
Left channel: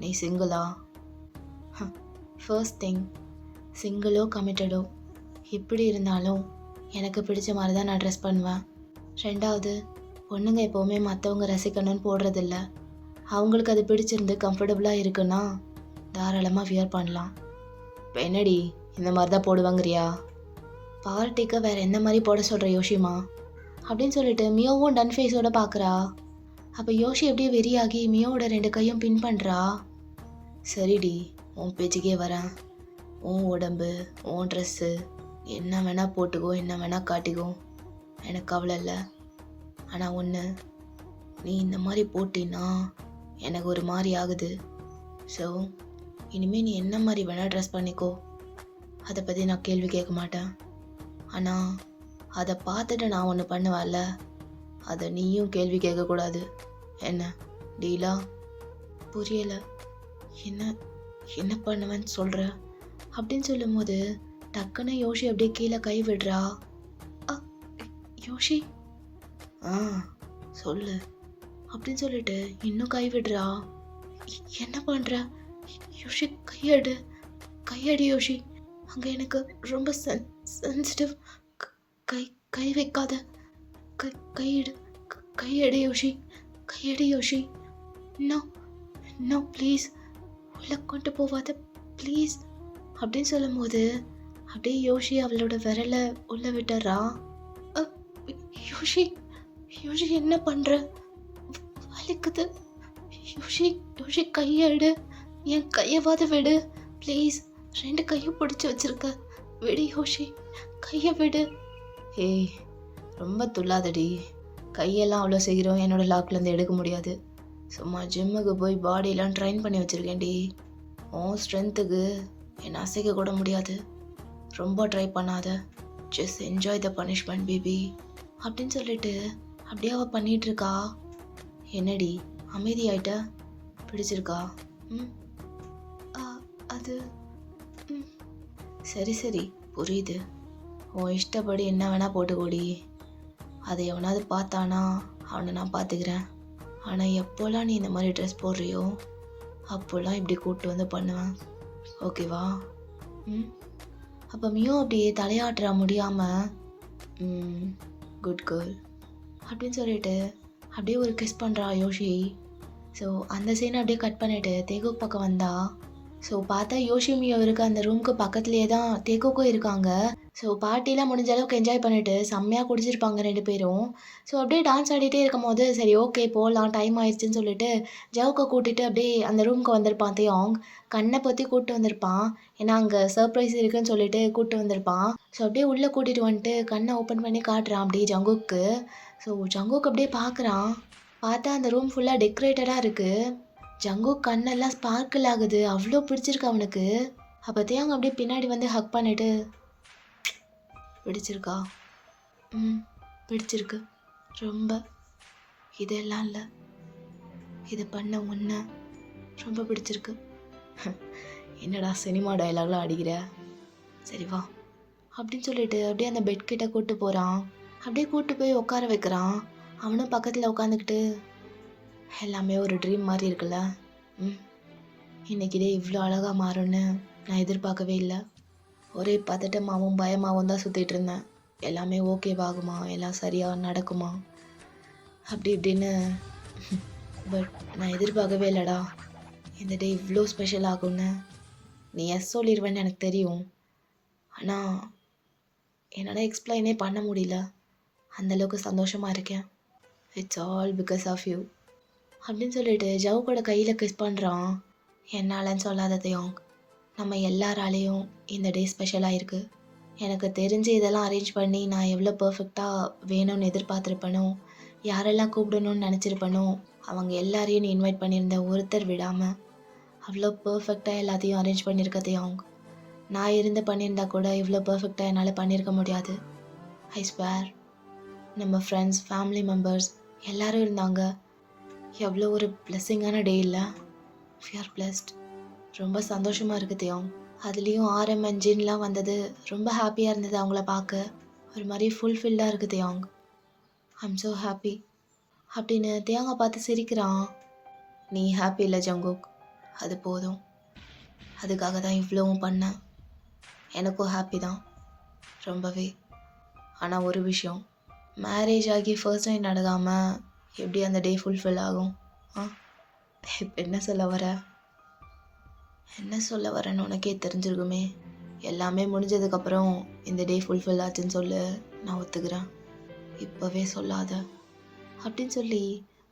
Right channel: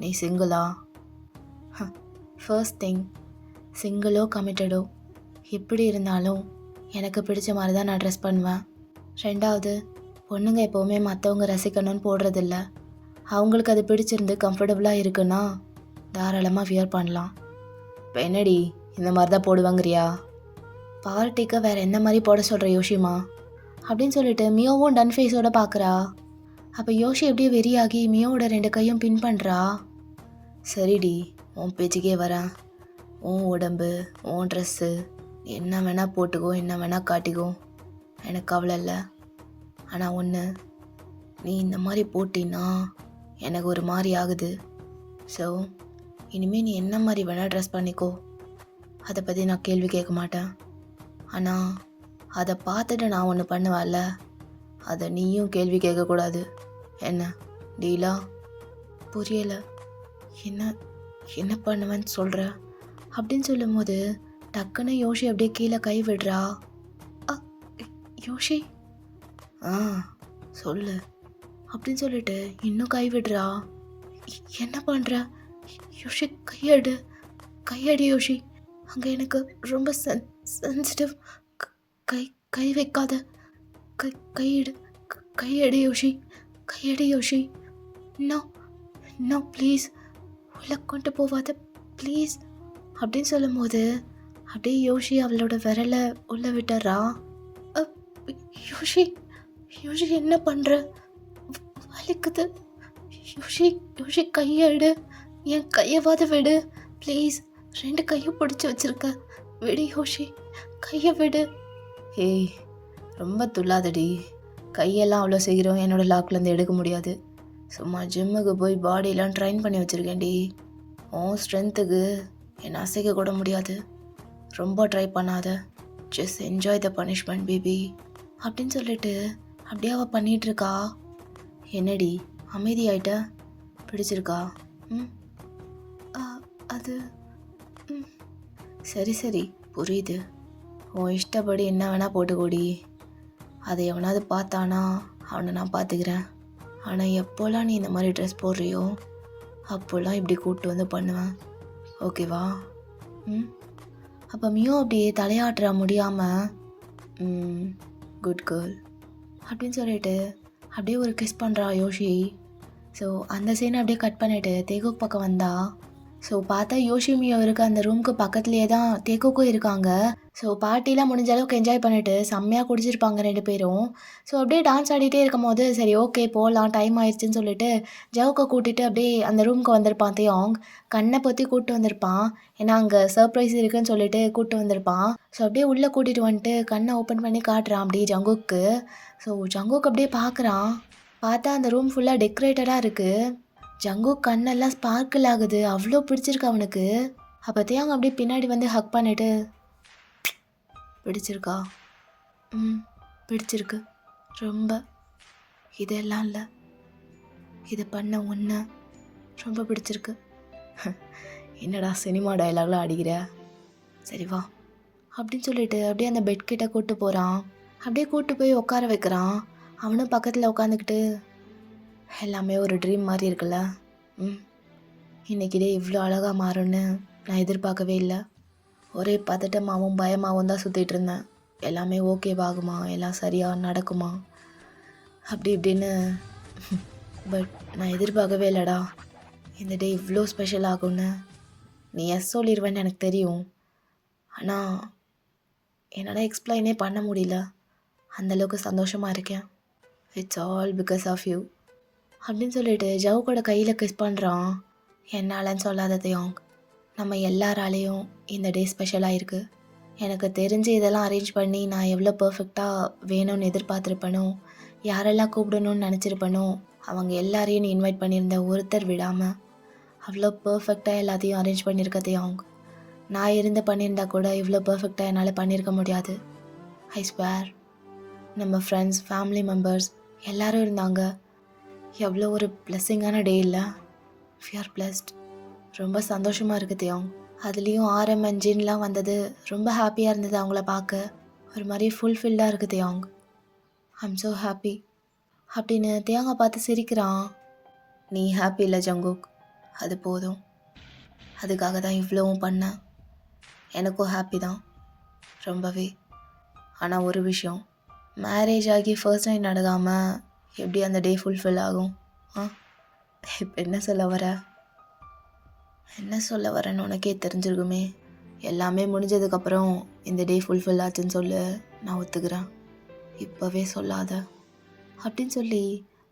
நீ சிங்கிளா? ஃபர்ஸ்ட் திங், சிங்கிளோ கமிட்டடோ எப்படி இருந்தாலும் எனக்கு பிடிச்ச மாதிரி தான் நான் ட்ரெஸ் பண்ணுவேன். ரெண்டாவது, பொண்ணுங்க எப்போவுமே மற்றவங்க ரசிக்கணும்னு போடுறதில்ல. அவங்களுக்கு அது பிடிச்சிருந்து கம்ஃபர்டபுளாக இருக்குன்னா தாராளமாக வியர் பண்ணலாம். இப்போ என்னடி இந்த மாதிரி தான் போடுவாங்கறியா? பார்ட்டிக்கு வேறு என்ன மாதிரி போட சொல்கிற யோஷிமா அப்படின்னு சொல்லிட்டு மியோவும் டன் ஃபேஸோட பார்க்குறா. அப்போ யோஷி எப்படியே வெறியாகி மியோவோட 2 கையும் பின் பண்ணுறா. சரிடி, உன் பேச்சுக்கே வரேன். உன் உடம்பு, உன் ட்ரெஸ்ஸு, என்ன வேணால் போட்டுக்கோ, என்ன வேணால் காட்டிக்கோ, எனக்கு கவலை இல்லை. ஆனால் ஒன்று, நீ இந்த மாதிரி போட்டின்னா எனக்கு ஒரு மாதிரி ஆகுது. ஸோ இனிமேல் நீ என்ன மாதிரி வேணால் ட்ரெஸ் பண்ணிக்கோ, அதை பற்றி நான் கேள்வி கேட்க மாட்டேன். ஆனால் அதை பார்த்துட்டு நான் ஒன்று பண்ணுவேன்ல, அதை நீயும் கேள்வி கேட்கக்கூடாது. என்ன டீலா? புரியலை. என்ன என்ன பண்ணுவேன்னு சொல்கிற அப்படின்னு சொல்லும்போது டக்குன்னு யோஷி அப்படியே கீழே கை விடுறா. அ, யோஷி சொல்லு அப்படின்னு சொல்லிட்டு இன்னும் கை விடுறா. என்ன பண்ணுற யோஷி? கையடி யோஷி. அங்கே எனக்கு ரொம்ப சென்சிட்டிவ். கை கை வைக்காத. கையடி யோஷி. கையடி யோஷி. நோ நோ ப்ளீஸ், உள்ள கொண்டு போவாத ப்ளீஸ் அப்படின்னு சொல்லும்போது அப்படியே யோஷி அவளோட விரலை உள்ள விட்டுறா. யோஷி யோஷி என்ன பண்ணுற? வலிக்குது. யோஷி கையெடு. என் கையவாத விடு ப்ளீஸ். 2 கையும் பிடிச்சி வச்சிருக்க. விடு யோஷி, கையை விடு. ஏய், ரொம்ப துள்ளாதடி. கையெல்லாம் அவ்வளோ சீக்கிரம் என்னோடய லாக்லேருந்து எடுக்க முடியாது. சும்மா ஜிம்முக்கு போய் பாடியெலாம் ட்ரைன் பண்ணி வச்சுருக்கேன்டி. உன் ஸ்ட்ரென்த்துக்கு என்னை அசைக்க கூட முடியாது. ரொம்ப ட்ரை பண்ணாத. Just enjoy the punishment baby அப்படின்னு சொல்லிட்டு அப்படியே அவள் பண்ணிகிட்ருக்கா. என்னடி அமைதியாயிட்ட? பிடிச்சிருக்கா? அது சரி புரியுது. உன் இஷ்டப்படி என்ன வேணால் போட்டுக்கோடி. அதை எவனாவது பார்த்தானா அவனை நான் பார்த்துக்கிறேன். ஆனால் எப்போல்லாம் நீ இந்த மாதிரி ட்ரெஸ் போடுறியோ அப்போல்லாம் இப்படி கூப்பிட்டு வந்து பண்ணுவேன், ஓகேவா? அப்போ மியோ அப்படியே தலையாட்டுற முடியாமல் குட் கேர்ள் அப்படின்னு சொல்லிட்டு அப்படியே ஒரு கிஸ் பண்ணுறா யோஷி. ஸோ அந்த சீனை அப்படியே கட் பண்ணிவிட்டு தேகுக் பக்கம் வந்தா. ஸோ பார்த்தா யோஷி மியோ இருக்க அந்த ரூமுக்கு பக்கத்துலேயே தான் தேகுக்கும் இருக்காங்க. ஸோ பார்ட்டிலாம் முடிஞ்ச அளவுக்கு என்ஜாய் பண்ணிவிட்டு செம்மையாக குடிச்சிருப்பாங்க 2 பேரும். ஸோ அப்படியே டான்ஸ் ஆடிட்டே இருக்கும் போது சரி ஓகே போகலாம், டைம் ஆயிடுச்சுன்னு சொல்லிட்டு ஜவுக்கை கூட்டிகிட்டு அப்படியே அந்த ரூமுக்கு வந்திருப்பான் தேயோங். கண்ணை பற்றி கூப்பிட்டு வந்திருப்பான், ஏன்னா அங்கே சர்ப்ரைஸ் இருக்குன்னு சொல்லிட்டு கூப்பிட்டு வந்திருப்பான். ஸோ அப்படியே உள்ளே கூட்டிகிட்டு வந்துட்டு கண்ணை ஓப்பன் பண்ணி காட்டுறான் அப்படியே ஜங்குக்கு. ஸோ ஜங்குக்கு அப்படியே பார்க்குறான். பார்த்தா அந்த ரூம் ஃபுல்லாக டெக்கரேட்டடாக இருக்குது. ஜங்குக் கண்ணெல்லாம் ஸ்பார்க்கிள் ஆகுது, அவ்வளோ பிடிச்சிருக்கு அவனுக்கு. அப்போ தேயோங் அப்படியே பின்னாடி வந்து ஹக் பண்ணிவிட்டு பிடிச்சிருக்கா? பிடிச்சிருக்கு ரொம்ப. இதெல்லாம் இல்லை, இது பண்ண ஒன்று ரொம்ப பிடிச்சிருக்கு. என்னடா சினிமா டயலாக்லாம் அடிக்கிற? சரி வா அப்படின்னு சொல்லிட்டு அப்படியே அந்த பெட் கிட்ட கூப்பிட்டு போகிறான். அப்படியே கூப்பிட்டு போய் உட்கார வைக்கிறான். அவனும் பக்கத்தில் உட்காந்துக்கிட்டு எல்லாமே ஒரு ட்ரீம் மாதிரி இருக்குல்ல. இன்றைக்கிட்டே இவ்வளோ அழகாக மாறும்னு நான் எதிர்பார்க்கவே இல்லை. ஒரே பதட்டமாகவும் பயமாகவும் தான் சுற்றிட்டு இருந்தேன். எல்லாமே ஓகேவாகுமா, எல்லாம் சரியாக நடக்குமா அப்படி இப்படின்னு. பட் நான் எதிர்பார்க்கவே இல்லைடா இந்த டே இவ்வளோ ஸ்பெஷல் ஆகும்னு. நீ எஸ் சொல்லிடுவேன்னு எனக்கு தெரியும், ஆனால் என்னால் எக்ஸ்பிளைனே பண்ண முடியல. அந்தளவுக்கு சந்தோஷமாக இருக்கேன். It's all because of you அப்படின்னு சொல்லிட்டு ஜவுக்கோட கையில் கிஸ் பண்ணுறான். என்னாலன்னு சொல்லாத தேயோங், நம்ம எல்லாராலேயும் இந்த டே ஸ்பெஷலாக இருக்குது. எனக்கு தெரிஞ்சு இதெல்லாம் அரேஞ்ச் பண்ணி நான் எவ்வளோ பர்ஃபெக்டாக வேணும்னு எதிர்பார்த்துருப்பேனோ, யாரெல்லாம் கூப்பிடணும்னு நினச்சிருப்பேனோ அவங்க எல்லாரையும் நீ இன்வைட் பண்ணியிருந்த ஒருத்தர் விடாமல் அவ்வளோ பர்ஃபெக்டாக எல்லாத்தையும் அரேஞ்ச் பண்ணியிருக்க தேயோங். நான் இருந்து பண்ணியிருந்தா கூட இவ்வளோ பர்ஃபெக்டாக என்னால் பண்ணியிருக்க முடியாது. I swear. நம்ம ஃப்ரெண்ட்ஸ், ஃபேமிலி மெம்பர்ஸ் எல்லோரும் இருந்தாங்க. எவ்வளோ ஒரு பிளெஸ்ஸிங்கான டே இல்லை? We are blessed. ரொம்ப சந்தோஷமாக இருக்குது தேயோங். அதுலேயும் ஆர்எம் என்ஜின்லாம் வந்தது, ரொம்ப ஹாப்பியாக இருந்தது அவங்கள பார்க்க. ஒரு மாதிரி ஃபுல்ஃபில்டாக இருக்குது தேயோங். ஐம் ஸோ ஹாப்பி அப்படின்னு தேயோங்கை பார்த்து சிரிக்கிறான். நீ ஹாப்பி இல்லை ஜங்குக், அது போதும். அதுக்காக தான் இவ்வளவும் பண்ணேன். எனக்கும் ஹாப்பி தான் ரொம்பவே. ஆனால் ஒரு விஷயம், மேரேஜ் ஆகி ஃபர்ஸ்ட் நைட் நடக்காமல் எப்படி அந்த டே ஃபுல்ஃபில் ஆகும்? இப்போ என்ன சொல்ல வரேன்னு உனக்கே தெரிஞ்சிருக்குமே. எல்லாமே முடிஞ்சதுக்கப்புறம் இந்த டே ஃபுல்ஃபில் ஆச்சுன்னு சொல்லு, நான் ஒத்துக்கிறேன். இப்போவே சொல்லாத அப்படின்னு சொல்லி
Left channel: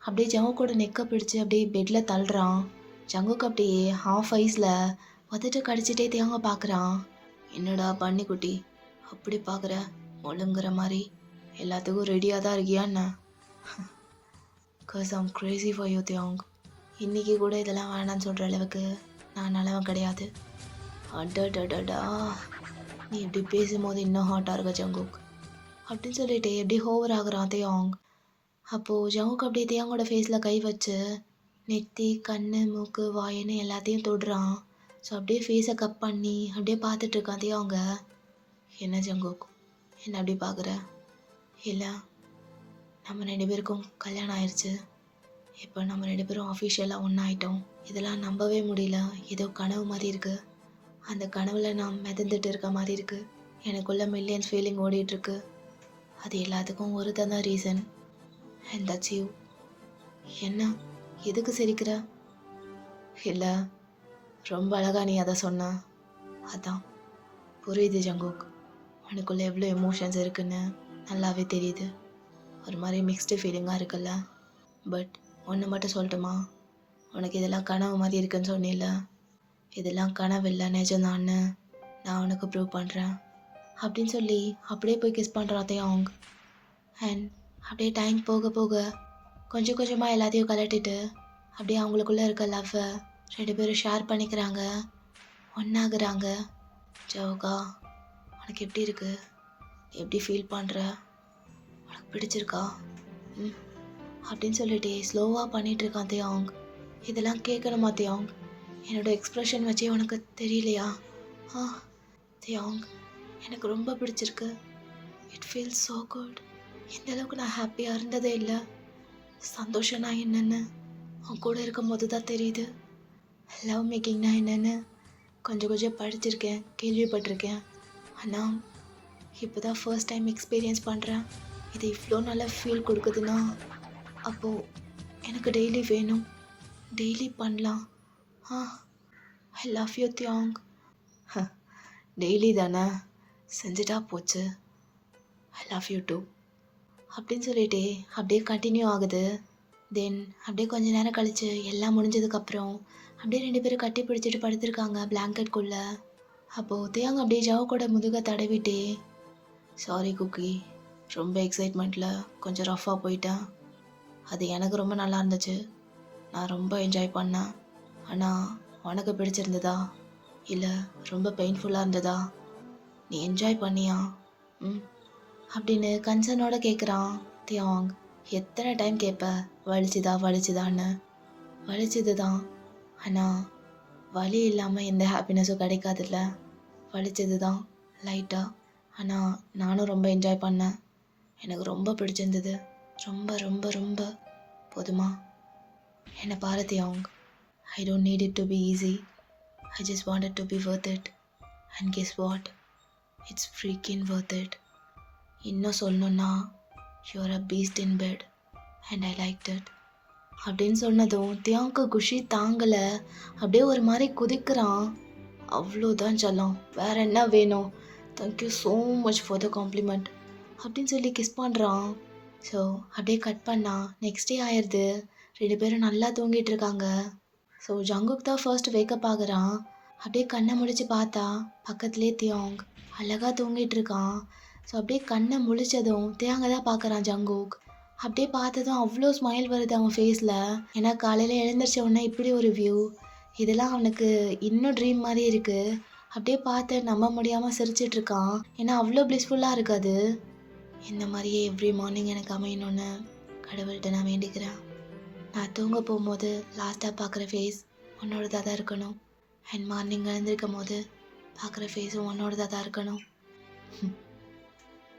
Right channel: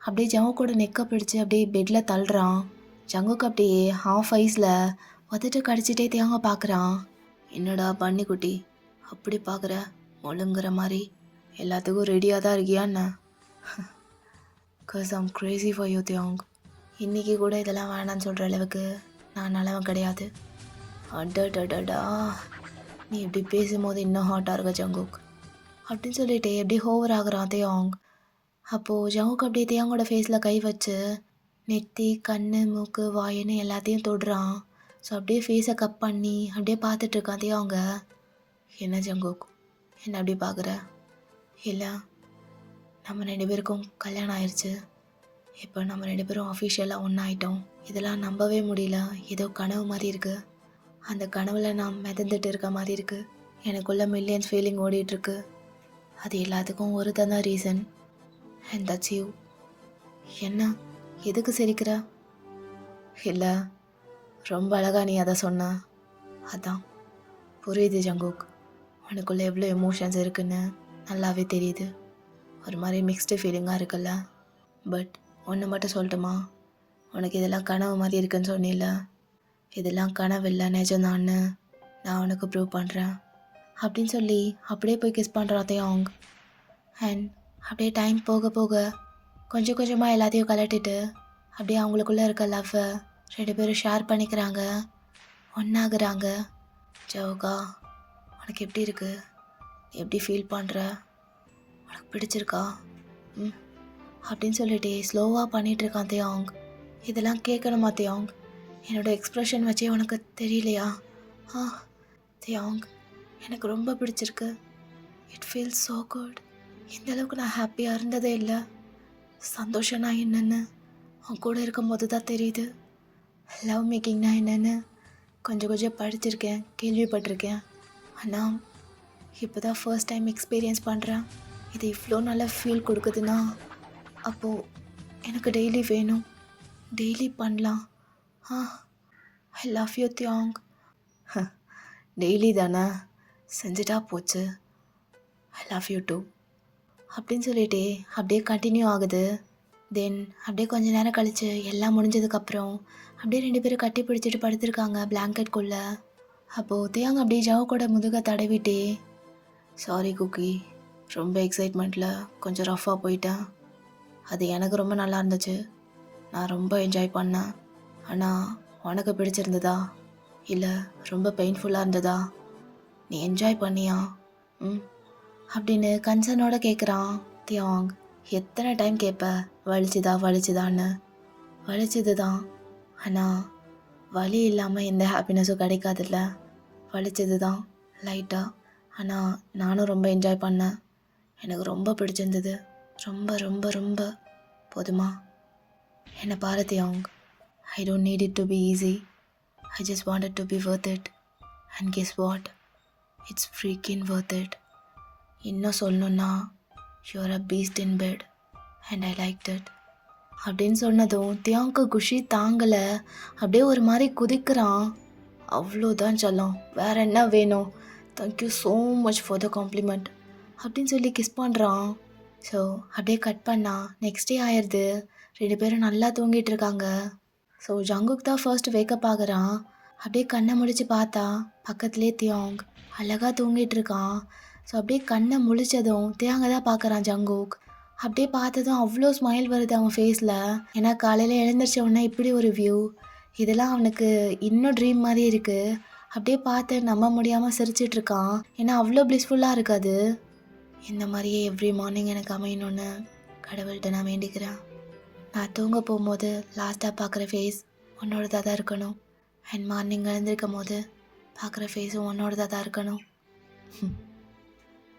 அப்படியே ஜங்குக்கோட நெக்கை பிடிச்சி அப்படியே பெட்டில் தள்ளுறான். ஜங்குக்கு அப்படியே ஹாஃப் ஐஸில் உதட்டு கடிச்சிட்டே தேங்க பார்க்குறான். என்னடா பன்னிக்குட்டி அப்படி பார்க்குற, ஒழுங்குற மாதிரி எல்லாத்துக்கும் ரெடியாக தான் இருக்கியா என்ன? cause I'm crazy for you தியாங். இன்றைக்கி கூட இதெல்லாம் வேணான்னு சொல்கிற அளவுக்கு நான் நல்லவன் கிடையாது. அடடடடா, நீ இப்படி பேசும்போது இன்னும் ஹாட்டாக இருக்க ஜங்குக் அப்படின்னு சொல்லிட்டு எப்படி ஹோவர் ஆகுறான் தியாங். அப்போது ஜங்குக் அப்படியே தியாங்கோட ஃபேஸில் கை வச்சு நெத்தி கண் மூக்கு வாயின்னு எல்லாத்தையும் தொடுறான். ஸோ அப்படியே ஃபேஸை கப் பண்ணி அப்படியே பார்த்துட்ருக்கான் தியாங்க. என்ன ஜங்குக் என்ன அப்படி பார்க்குற? இல்லை, நம்ம 2 பேருக்கும் கல்யாணம் ஆயிடுச்சு. இப்போ நம்ம 2 பேரும் அஃபிஷியலாக ஒன்றாயிட்டோம். இதெல்லாம் நம்பவே முடியல. ஏதோ கனவு மாதிரி இருக்குது. அந்த கனவில் நான் மிதந்துட்டு இருக்க மாதிரி இருக்குது. எனக்குள்ள மில்லியன்ஸ் ஃபீலிங் ஓடிட்டுருக்கு. அது எல்லாத்துக்கும் ஒரு தான் ரீசன், அண்ட் தட்ஸ் யூ. என்ன எதுக்கு சிரிக்கிற? இல்லை, ரொம்ப அழகா நீ அதை சொன்ன. அதான் புரியுது ஜங்குக், உனக்குள்ளே எவ்வளோ எமோஷன்ஸ் இருக்குன்னு நல்லாவே தெரியுது. ஒரு மாதிரி மிக்ஸ்டு ஃபீலிங்காக இருக்குல்ல. பட் ஒன்று மட்டும் சொல்லட்டுமா, உனக்கு இதெல்லாம் கனவு மாதிரி இருக்குன்னு சொன்னில்ல, இதெல்லாம் கனவு இல்லை நிஜம்தான்னு நான் உனக்கு ப்ரூவ் பண்ணுறேன் அப்படின்னு சொல்லி அப்படியே போய் கிஸ் பண்ணுறாத்தையும் அவங்க. அண்ட் அப்படியே டைம் போக போக கொஞ்சம் கொஞ்சமாக எல்லாத்தையும் கலட்டிட்டு அப்படியே அவங்களுக்குள்ளே இருக்க லவ்வை 2 பேரும் ஷேர் பண்ணிக்கிறாங்க, ஒன்றாகுறாங்க. ஜவுகா, உனக்கு எப்படி இருக்குது? எப்படி ஃபீல் பண்ணுற? உனக்கு பிடிச்சிருக்கா? அப்படின்னு சொல்லிட்டு ஸ்லோவாக பண்ணிகிட்ருக்கான் தியாங். இதெல்லாம் கேட்கணுமா தியாங்? என்னோடய எக்ஸ்ப்ரெஷன் வச்சே உனக்கு தெரியலையா? தியாங், எனக்கு ரொம்ப பிடிச்சிருக்கு. It feels so good. இந்தளவுக்கு நான் ஹாப்பியாக இருந்ததே இல்லை. சந்தோஷம்னா என்னென்னு அவன் கூட இருக்கும் போது தான் தெரியுது. லவ் மேக்கிங்னா என்னென்னு கொஞ்சம் கொஞ்சம் படிச்சிருக்கேன், கேள்விப்பட்டிருக்கேன். ஆனால் இப்போ தான் ஃபர்ஸ்ட் டைம் எக்ஸ்பீரியன்ஸ் பண்ணுறேன். இது இவ்வளோ நல்லா ஃபீல் கொடுக்குதுன்னா அப்போது எனக்கு டெய்லி வேணும், டெய்லி பண்ணலாம். ஐ லவ் யூ தியாங். டெய்லி தானே, செஞ்சுட்டா போச்சு. ஐ லவ் யூ டூ அப்படின்னு சொல்லிட்டு அப்படியே கண்டினியூ ஆகுது. தென் அப்படியே கொஞ்ச நேரம் கழித்து எல்லாம் முடிஞ்சதுக்கப்புறம் அப்படியே 2 பேரும் கட்டி பிடிச்சிட்டு படுத்திருக்காங்க பிளாங்கெட்குள்ளே. அப்போது தியாங் அப்படியே ஜவுக்கோட முதுகை தடவிட்டே, சாரி குக்கி, ரொம்ப எக்ஸைட்மெண்ட்டில் கொஞ்சம் ரஃப்பாக போயிட்டேன். அது எனக்கு ரொம்ப நல்லா இருந்துச்சு, நான் ரொம்ப என்ஜாய் பண்ணேன். ஆனால் உனக்கு பிடிச்சிருந்ததா இல்லை ரொம்ப பெயின்ஃபுல்லாக இருந்ததா? நீ என்ஜாய் பண்ணியா? அப்படின்னு கன்சர்னோட கேட்குறான் தியாங். எத்தனை டைம் கேட்ப வலிச்சுதான்னு? வலிச்சது தான், ஆனால் வலி இல்லாமல் எந்த ஹாப்பினஸும் கிடைக்காதுல்ல. வலிச்சது தான் லைட்டாக, ஆனால் நானும் ரொம்ப என்ஜாய் பண்ணேன். எனக்கு ரொம்ப பிடிச்சிருந்தது, ரொம்ப ரொம்ப ரொம்ப. போதுமா? என்னை பாரு தியாங், I don't need it to be easy. I just want it to be worth it. And guess what, it's freaking worth it. இன்னும் சொல்லணுன்னா you're a beast in bed and I like it அப்படின்னு சொன்னதும் தியாங்க்கு குஷி தாங்கலை. அப்படியே ஒரு மாதிரி குதிக்கிறான். அவ்வளோதான் செல்லம், வேற என்ன வேணும்? Thank you so much for the compliment அப்படின்னு சொல்லி கிஸ் பண்ணுறான். ஸோ அப்படியே கட் பண்ணா நெக்ஸ்ட் டே ஆயிடுது. 2 பேரும் நல்லா தூங்கிட்டு இருக்காங்க. ஸோ ஜங்குக் தான் ஃபர்ஸ்ட் வேக்கப் ஆகுறான். அப்படியே கண்ணை முடிச்சு பார்த்தா பக்கத்துலேயே தியாங் அழகாக தூங்கிட்டு இருக்கான். ஸோ அப்படியே கண்ணை முழிச்சதும் தியாங்க தான் பார்க்குறான் ஜங்குக். அப்படியே பார்த்ததும் அவ்வளோ ஸ்மைல் வருது அவன் ஃபேஸில். ஏன்னா காலையில் எழுந்திரிச்ச உடனே இப்படி ஒரு வியூ, இதெல்லாம் அவனுக்கு இன்னும் ட்ரீம் மாதிரி இருக்குது. அப்படியே பார்த்து நம்ப முடியாமல் சிரிச்சிட்ருக்கான். ஏன்னா அவ்வளோ ப்ளிஸ்ஃபுல்லாக இருக்காது. இந்த மாதிரியே எவ்ரி மார்னிங் எனக்கு அமையணும்னு கடவுள்கிட்ட நான் வேண்டிக்கிறேன். நான் தூங்க போகும்போது லாஸ்ட்டாக பார்க்குற ஃபேஸ் உன்னோடதாக தான் இருக்கணும். அண்ட் மார்னிங் எழுந்திருக்கும் போது பார்க்குற ஃபேஸும் உன்னோடதாக தான் இருக்கணும்.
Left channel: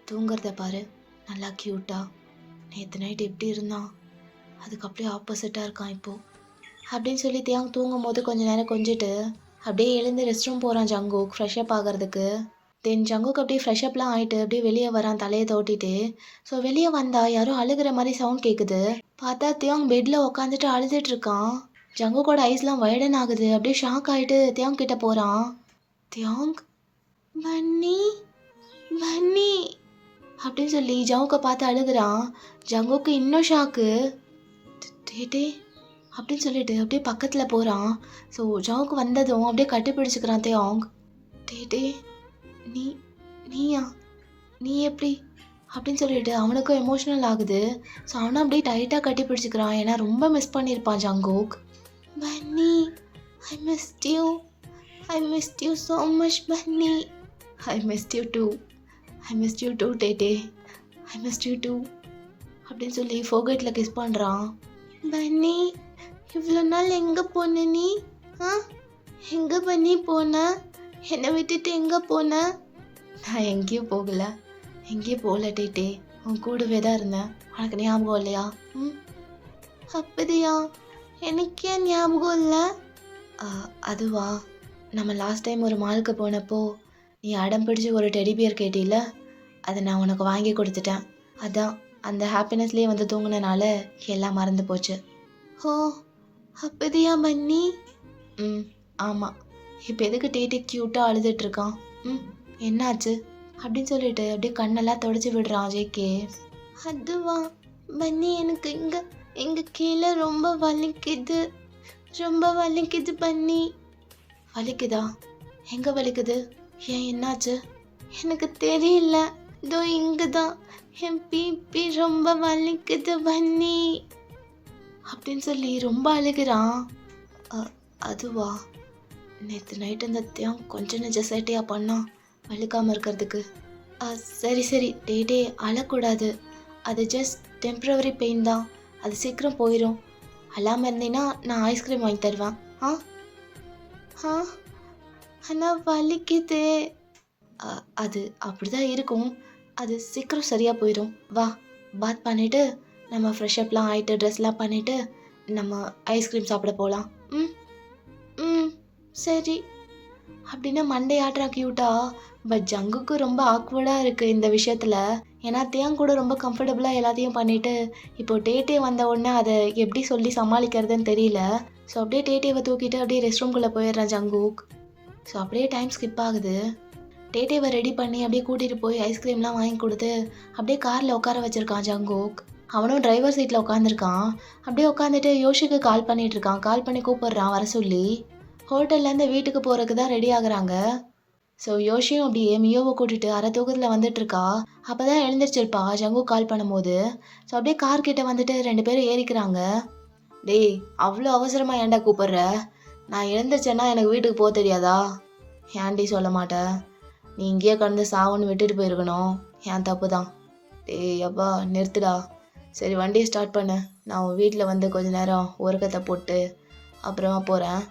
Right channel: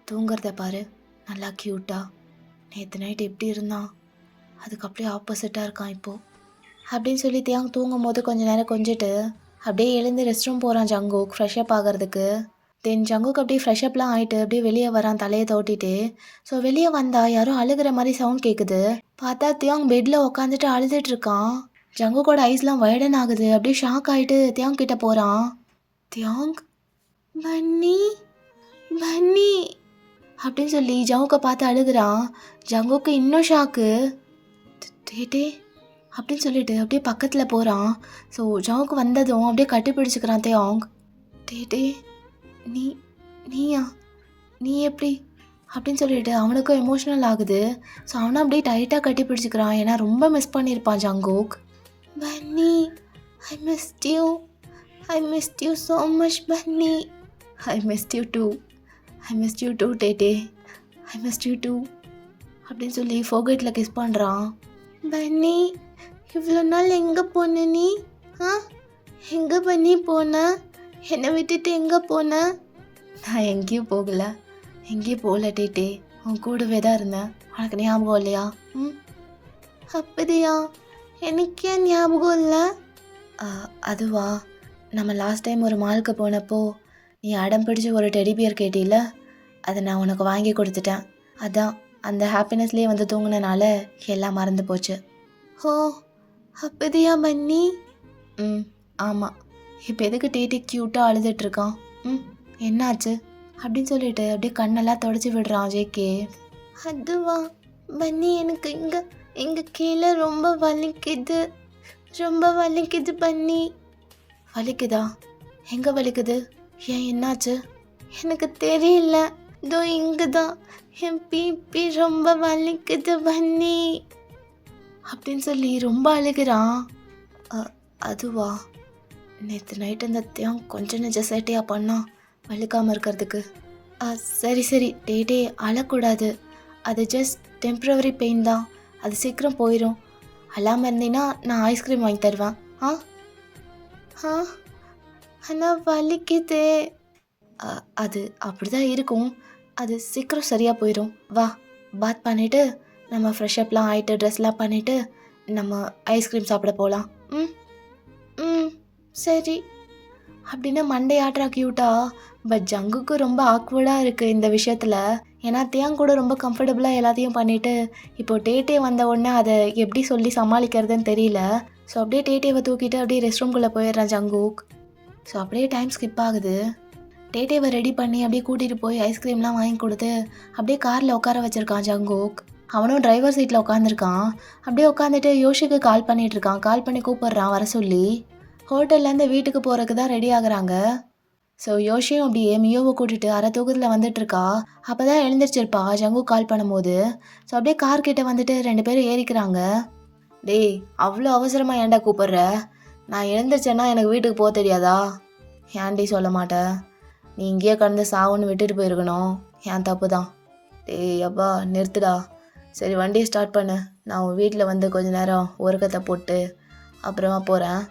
தூங்குறத பாரு, நல்லா க்யூட்டாக. நேற்று நைட் எப்படி இருந்தான், அதுக்கு அப்படியே ஆப்போசிட்டாக இருக்கான் இப்போது அப்படின்னு சொல்லி தியாங் தூங்கும் போது கொஞ்சம் நேரம் கொஞ்சிட்டு அப்படியே எழுந்து ரெஸ்ட் ரூம் போகிறான் ஜங்குக் ஃப்ரெஷ்அப் ஆகிறதுக்கு. தென் ஜங்குக் அப்படியே ஃப்ரெஷ்அப்லாம் ஆகிட்டு அப்படியே வெளியே வரான் தலையை தோட்டிட்டு. ஸோ வெளியே வந்தால் யாரும் அழுகிற மாதிரி சவுண்ட் கேட்குது. பார்த்தா தியாங் பெட்டில் உட்காந்துட்டு அழுதுட்ருக்கான். ஜங்குக்கோட ஐஸ்லாம் வைடன் ஆகுது. அப்படியே ஷாக் ஆகிட்டு தியாங் கிட்ட போகிறான். தியாங் பன்னி பன்னி அப்படின்னு சொல்லி ஜங்குக்கை பார்த்து அழுகுறான். ஜங்குக்கு இன்னும் ஷாக்கு. டேட்டே அப்படின்னு சொல்லிட்டு அப்படியே பக்கத்தில் போகிறான். ஸோ ஜங்குக்கு வந்ததும் அப்படியே கட்டி பிடிச்சிக்கிறான் தேவாங். டேட்டே நீ நீயா நீ எப்படி அப்படின்னு சொல்லிட்டு அவனுக்கும் எமோஷ்னல் ஆகுது. ஸோ அவனை அப்படியே டைட்டாக கட்டி பிடிச்சிக்கிறான். ஏன்னா ரொம்ப மிஸ் பண்ணியிருப்பான் Jungkook. Bunny I missed you, I missed you so much bunny, I missed you too, I missed you too Taetae, I missed you too அப்படின்னு சொல்லி ஃபோகேட்டில் கிஸ் பண்ணுறான். பன்னி இவ்வளோ நாள் எங்கே போன நீ? எங்கே பண்ணி போன? என்னை விட்டுட்டு எங்கே போன? நான் எங்கேயும் போகலை, எங்கேயும் போகல டேட்டே, உன் கூடவே தான் இருந்தேன். உனக்கு ஞாபகம் இல்லையா? அப்படியா? எனக்கு ஏன் ஞாபகம் இல்லை? அதுவா, நம்ம லாஸ்ட் டைம் ஒரு மாலுக்கு போனப்போ நீ அடம் பிடிச்சி ஒரு டெடி பியர் கேட்டில, அதை நான் உனக்கு வாங்கி கொடுத்துட்டேன். அதான் அந்த ஹாப்பினஸ்லேயே வந்து தூங்கினால எல்லாம் மறந்து போச்சு. ஓ அப்படியா பன்னி? ஆமாம். இப்போ எதுக்கு டேட்டி க்யூட்டாக அழுதுட்ருக்கான்? என்னாச்சு அப்படின்னு சொல்லிட்டு அப்படியே கண்ணெல்லாம் தொடச்சி விடுறான் ஜேகே. அதுவா பன்னி, எனக்கு இங்கே கீழே ரொம்ப வலிக்குது, ரொம்ப வலிக்குது பன்னி. வலிக்குதா? எங்கே வலிக்குது? ஏன் என்னாச்சு? எனக்கு தெரியல, இதோ இங்கே தான் என் பிபி ரொம்ப வலிக்குது பன்னி அப்படின்னு சொல்லி ரொம்ப அழுகிறான். அதுவா, நேற்று நைட்டு இந்த தேம் கொஞ்சம் நெஜ சேட்டையாக பண்ணா வலிக்காமல் இருக்கிறதுக்கு. சரி சரி டேட்டே, அழக்கூடாது. அது ஜஸ்ட் டெம்ப்ரவரி பெயின் தான், அது சீக்கிரம் போயிடும். அழாமல் இருந்தீங்கன்னா நான் ஐஸ்கிரீம் வாங்கி தருவேன். ஆனால் வலிக்குதே. அது அப்படி தான் இருக்கும், அது சீக்கிரம் சரியாக போயிடும். வா, பாத் பண்ணிவிட்டு நம்ம ஃப்ரெஷ்அப்லாம் ஆகிட்டு ட்ரெஸ்லாம் பண்ணிவிட்டு நம்ம ஐஸ்கிரீம் சாப்பிட போகலாம். சரி அப்படின்னு மண்டே ஆட்ரா க்யூட்டா. பட் ஜங்குக்கு ரொம்ப ஆக்வர்டாக இருக்குது இந்த விஷயத்தில். ஏன்னா தேங் கூட ரொம்ப கம்ஃபர்டபுளாக எல்லாத்தையும் பண்ணிவிட்டு இப்போ டேட்டே வந்த உடனே அதை எப்படி சொல்லி சமாளிக்கிறதுன்னு தெரியல. ஸோ அப்படியே டேட்டேவை தூக்கிட்டு அப்படியே ரெஸ்ட் ரூம்குள்ளே போயிடுறான் ஜங்குக். ஸோ அப்படியே டைம் ஸ்கிப் ஆகுது. டேட்டேவை ரெடி பண்ணி அப்படியே கூட்டிகிட்டு போய் ஐஸ்கிரீம்லாம் வாங்கி கொடுத்து அப்படியே காரில் உட்கார வச்சுருக்கான் ஜங்குக். அவனும் டிரைவர் சீட்டில் உட்காந்துருக்கான். அப்படியே உட்காந்துட்டு யோஷிக்கு கால் பண்ணிகிட்ருக்கான். கால் பண்ணி கூப்பிட்றான் வர சொல்லி. ஹோட்டல்லேருந்து வீட்டுக்கு போகிறதுக்கு தான் ரெடி ஆகுறாங்க. ஸோ யோஷியும் அப்படியே மியோவை கூட்டிகிட்டு அரை தூக்கத்தில் வந்துட்டுருக்கா. அப்போ தான் எழுந்திரிச்சிருப்பா ஜங்குக் கால் பண்ணும்போது. ஸோ அப்படியே கார்கிட்ட வந்துட்டு 2 பேரும் ஏறிக்கிறாங்க. டேய், அவ்வளோ அவசரமாக ஏன்டா கூப்பிட்ற? நான் எழுந்திரிச்சேன்னா எனக்கு வீட்டுக்கு போக தெரியாதா? ஏன்டி சொல்ல மாட்டேன்? நீ இங்கேயே கடந்து சாவுன்னு விட்டுட்டு போயிருக்கணும். ஏன் தப்பு தான். டேய் அப்பா நிறுத்துடா. சரி வண்டியை ஸ்டார்ட் பண்ணு, நான் உன் வீட்டில் வந்து கொஞ்ச நேரம் உறக்கத்தை போட்டு அப்புறமா போகிறேன்.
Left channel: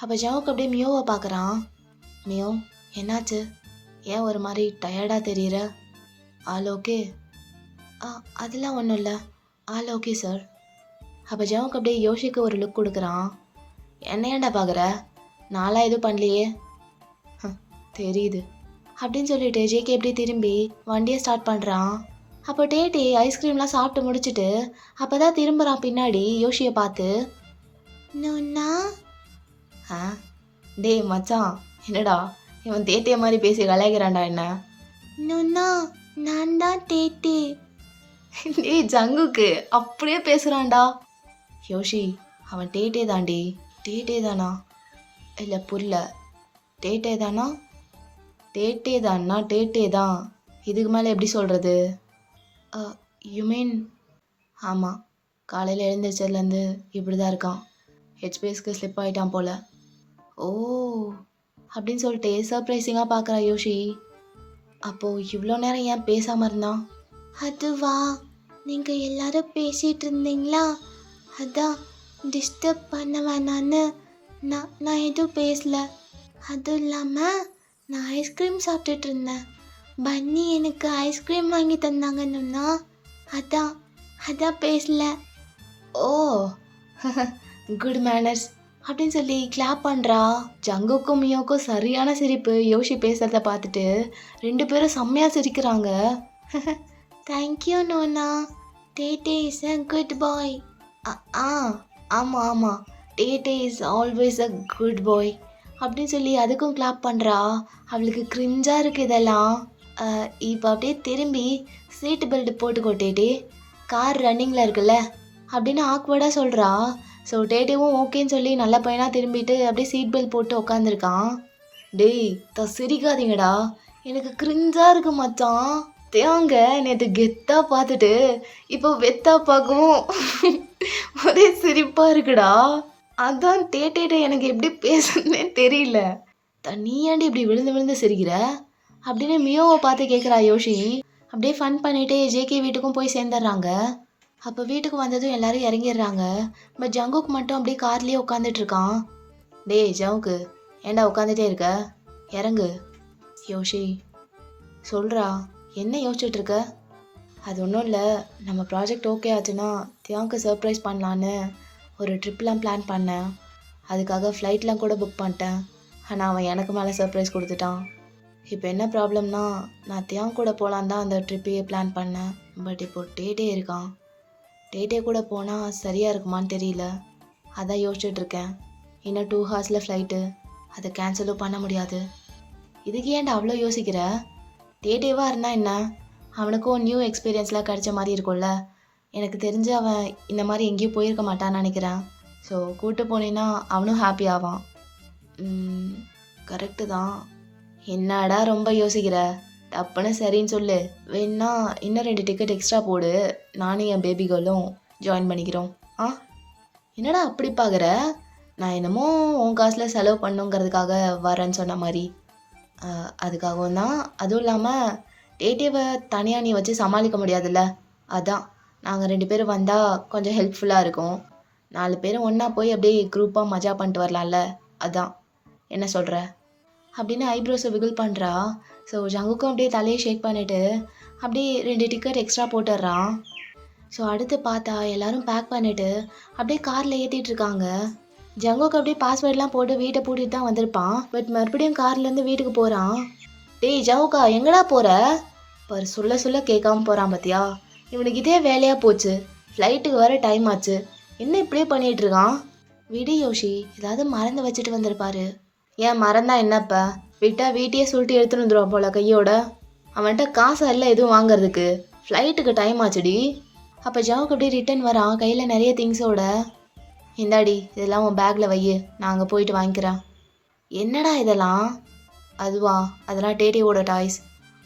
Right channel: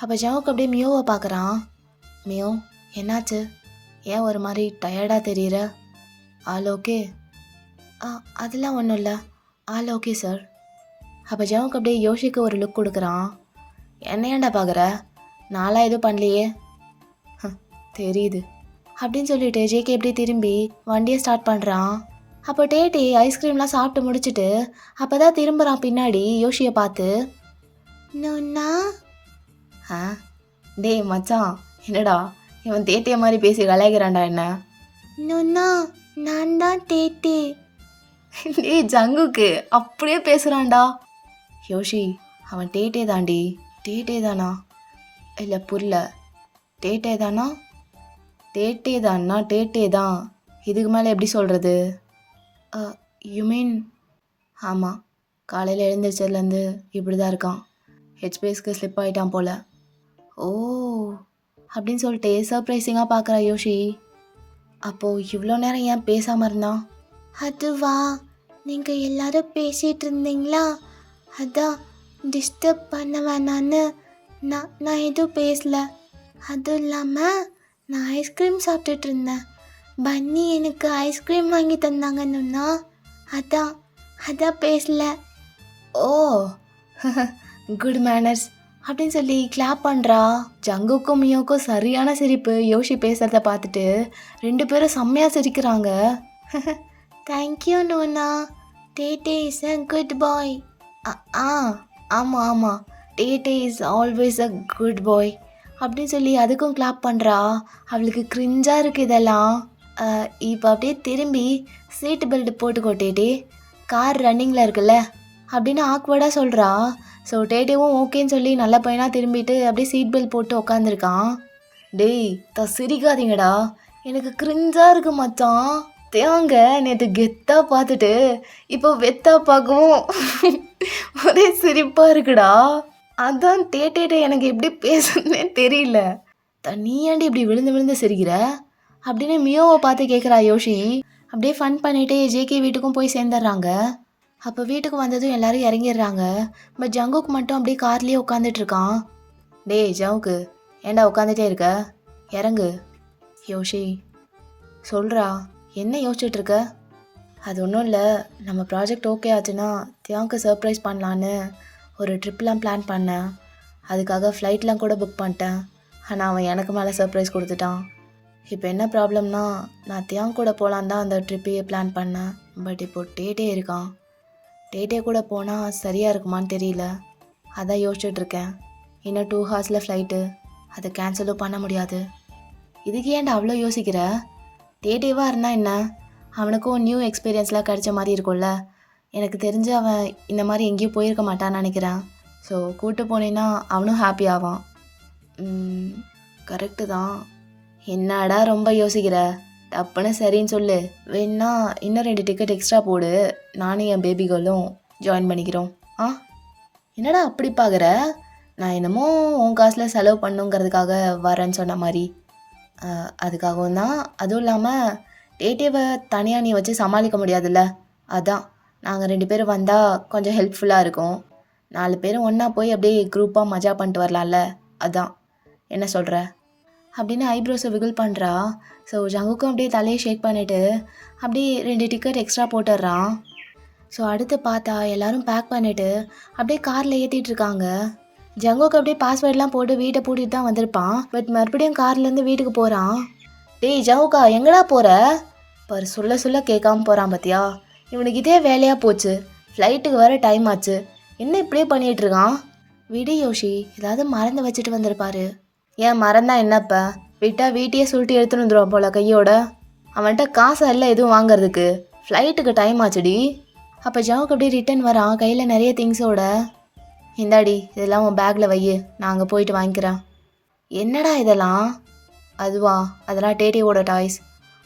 அப்போ ஜங்குக் அப்படியே மியோவை பார்க்குறான். மியோ என்னாச்சு? ஏன் ஒரு மாதிரி டயர்டாக தெரியுற? All okay? அதெல்லாம் ஒன்றும் இல்லை, ஆல் ஓகே சார். அப்போ ஜங்குக் அப்படியே யோஷிக்கு ஒரு லுக் கொடுக்குறான். என்ன ஏன்டா பார்க்குற? நான்லாம் எதுவும் பண்ணலையே. தெரியுது அப்படின்னு சொல்லிட்டு ஜேகே எப்படி திரும்பி வண்டியை ஸ்டார்ட் பண்ணுறான். அப்போ டேட்டி ஐஸ்கிரீம்லாம் சாப்பிட்டு முடிச்சுட்டு அப்போ தான் திரும்புகிறான் பின்னாடி யோஷியை பார்த்து. நோன்னா டேய் மச்சான், என்னடா இவன் தேட்டிய மாதிரி பேசி கலாய்க்கிறான்டா என்ன? நோன்னா நான் தான் டேட்டி. டேய் ஜங்குக்கு அப்படியே பேசுகிறான்டா. யோஷி அவன் டேட்டே தாண்டி. டேட்டே தானா? இல்லை புரியல. டேட்டே தானா? டேட்டே தான்னா டேட்டே தான். இதுக்கு மேலே எப்படி சொல்கிறது? You mean? ஆமாம், காலையில் எழுந்திரிச்சதுலேருந்து இப்படி தான் இருக்கான். ஹெச்பிஎஸ்க்கு ஸ்லிப் ஆகிட்டான் போல். ஓ அப்படின்னு சொல்லிட்டு சர்ப்ரைசிங்காக பார்க்குறா யோஷி. அப்போது இவ்வளோ நேரம் ஏன் பேசாமல் இருந்தான்? அதுவா, நீங்கள் எல்லாரும் பேசிகிட்டு இருந்தீங்களா, அதான் டிஸ்டர்ப் பண்ண வேணான்னு நான் எதுவும் பேசல. அதுவும் இல்லாமல் நான் ஐஸ்கிரீம் சாப்பிட்டுட்டு இருந்தேன். பன்னி எனக்கு ஐஸ்கிரீம் வாங்கி தந்தாங்கன்னுண்ணா, அதான் பேசல. ஓ குட் மேனர்ஸ் அப்படின்னு சொல்லி கிளாப் பண்ணுறா. ஜங்குக்கும் மியோக்கும் சரியான சிரிப்பு யோஷி பேசுகிறத பார்த்துட்டு 2 பேரும் செம்மையாக சிரிக்கிறாங்க. தேங்க்யூ நோனா, Taetae is a good boy. ஆமாம் Taetae is always a good boy. அப்படின்னு சொல்லி அதுக்கும் கிளாப் பண்ணுறா. அவளுக்கு கிரிஞ்சாக இருக்குது இதெல்லாம். இப்போ அப்படியே திரும்பி சீட்டு பெல்ட் போட்டுக்கோ டேடி, கார் ரன்னிங்கில் இருக்குல்ல அப்படின்னு ஆக்வர்டாக சொல்கிறா. ஸோ டேடிவும் ஓகேன்னு சொல்லி நல்ல பையனாக திரும்பிட்டு அப்படியே சீட் பெல்ட் போட்டு உக்காந்துருக்கான். டேய் சிரிக்காதீங்கடா, எனக்கு கிரிஞ்சாக இருக்கு மச்சான். தேங்க நேற்று கெத்தாக பார்த்துட்டு இப்போ வெத்தா பார்க்கவும் ஒரே சிரிப்பாக இருக்குடா. அதான் டேட்டேட்டே எனக்கு எப்படி பேசுறதுனே தெரியல. நீயாண்டி இப்படி விழுந்து விழுந்து சிரிக்கிற அப்படின்னு மியோவை பார்த்து கேட்குறா யோஷி. அப்படியே ஃபன் பண்ணிட்டு ஜேகே வீட்டுக்கும் போய் சேர்ந்துடுறாங்க. அப்போ வீட்டுக்கு வந்ததும் எல்லாரும் இறங்கிடுறாங்க. பட் ஜங்குக்கு மட்டும் அப்படியே கார்லேயே உட்காந்துட்டு இருக்கான். டேய் ஜவுக்கு, ஏண்டா உட்காந்துட்டே இருக்க, இறங்கு. யோஷி சொல்கிறா, என்ன யோசிச்சுட்டு இருக்க? அது ஒன்றும் இல்லை, நம்ம ப்ராஜெக்ட் ஓகே ஆச்சுன்னா தியாவுக்கு சர்ப்ரைஸ் பண்ணலான்னு ஒரு ட்ரிப்லாம் பிளான் பண்ணேன். அதுக்காக ஃப்ளைட்லாம் கூட புக் பண்ணிட்டேன். ஆனால் அவன் எனக்கு மேலே சர்ப்ரைஸ் கொடுத்துட்டான். இப்போ என்ன ப்ராப்ளம்னா, நான் தியாங் கூட போகலான் தான் அந்த ட்ரிப்பையே பிளான் பண்ணேன். பட் இப்போது டேட்டே இருக்கான். டேட்டே கூட போனால் சரியாக இருக்குமான்னு தெரியல. அதான் யோசிச்சுட்ருக்கேன். இன்னும் 2 ஹார்ஸில் ஃப்ளைட்டு, அதை கேன்சலும் பண்ண முடியாது. இதுக்கு ஏன்டா அவ்வளோ யோசிக்கிற? டேட்டேவாக இருந்தால் என்ன, அவனுக்கும் நியூ எக்ஸ்பீரியன்ஸ்லாம் கிடைச்ச மாதிரி இருக்கும்ல. எனக்கு தெரிஞ்சு அவன் இந்த மாதிரி எங்கேயும் போயிருக்க மாட்டான்னு நினைக்கிறேன். ஸோ கூப்பிட்டு போனேன்னா அவனும் ஹாப்பி ஆவான். கரெக்டு தான். என்னடா ரொம்ப யோசிக்கிற, டப்புன்னு சரின்னு சொல்லு. வேணா இன்னும் 2 டிக்கெட் எக்ஸ்ட்ரா போடு, நானும் என் பேபி கேர்ளும் ஜாயின் பண்ணிக்கிறோம். என்னடா அப்படி பார்க்குற? நான் என்னமோ உன் காசில் செலவு பண்ணுங்கிறதுக்காக வரேன்னு சொன்ன மாதிரி. அதுக்காகவும் தான். அதுவும் இல்லாமல் டேட்டேவை தனியாக நீ வச்சு சமாளிக்க முடியாதுல்ல, அதான் நாங்கள் 2 பேரும் வந்தால் கொஞ்சம் ஹெல்ப்ஃபுல்லாக இருக்கும். 4 பேரும் ஒன்றா போய் அப்படியே குரூப்பாக மஜா பண்ணிட்டு வரலாம்ல, அதான். என்ன சொல்கிற அப்படின்னு ஐப்ரோஸை விகில் பண்ணுறா. ஸோ ஜங்குக்கும் அப்படியே தலையை ஷேக் பண்ணிவிட்டு அப்படியே 2 டிக்கெட் எக்ஸ்ட்ரா போட்டுடுறான். ஸோ அடுத்து பார்த்தா எல்லோரும் பேக் பண்ணிவிட்டு அப்படியே காரில் ஏற்றிட்டு இருக்காங்க. ஜங்குக்கு அப்படியே பாஸ்வேர்ட்லாம் போட்டு வீட்டை பூட்டிட்டு தான் வந்திருப்பான். பட் மறுபடியும் கார்லேருந்து வீட்டுக்கு போகிறான். டேய் ஜவுக்கா, எங்கடா போகிற? பாரு சொல்ல சொல்ல கேட்காம போகிறான் பார்த்தியா. இவனுக்கு இதே வேலையாக போச்சு. ஃப்ளைட்டுக்கு வர டைம் ஆச்சு, என்ன இப்படியே பண்ணிகிட்ருக்கான்? விடு யோஷி, ஏதாவது மறந்து வச்சுட்டு வந்திருப்பாரு. ஏன் மறந்தா என்னப்பா, விட்டா வீட்டையே சுருட்டி எடுத்துன்னு வந்துடுவான் போல கையோட. அவன்கிட்ட காசு எல்லாம் எதுவும் வாங்குறதுக்கு, ஃப்ளைட்டுக்கு டைம் ஆச்சுடி. அப்போ ஜவுக்கு அப்படியே ரிட்டன் வரான் கையில் நிறைய திங்ஸோட. இந்தாடி இதெல்லாம் உன் பேக்கில் வை, நான் அங்கே போயிட்டு வாங்கிக்கிறேன். என்னடா இதெல்லாம்? அதுவா, அதெல்லாம் டேட்டியோட டாய்ஸ்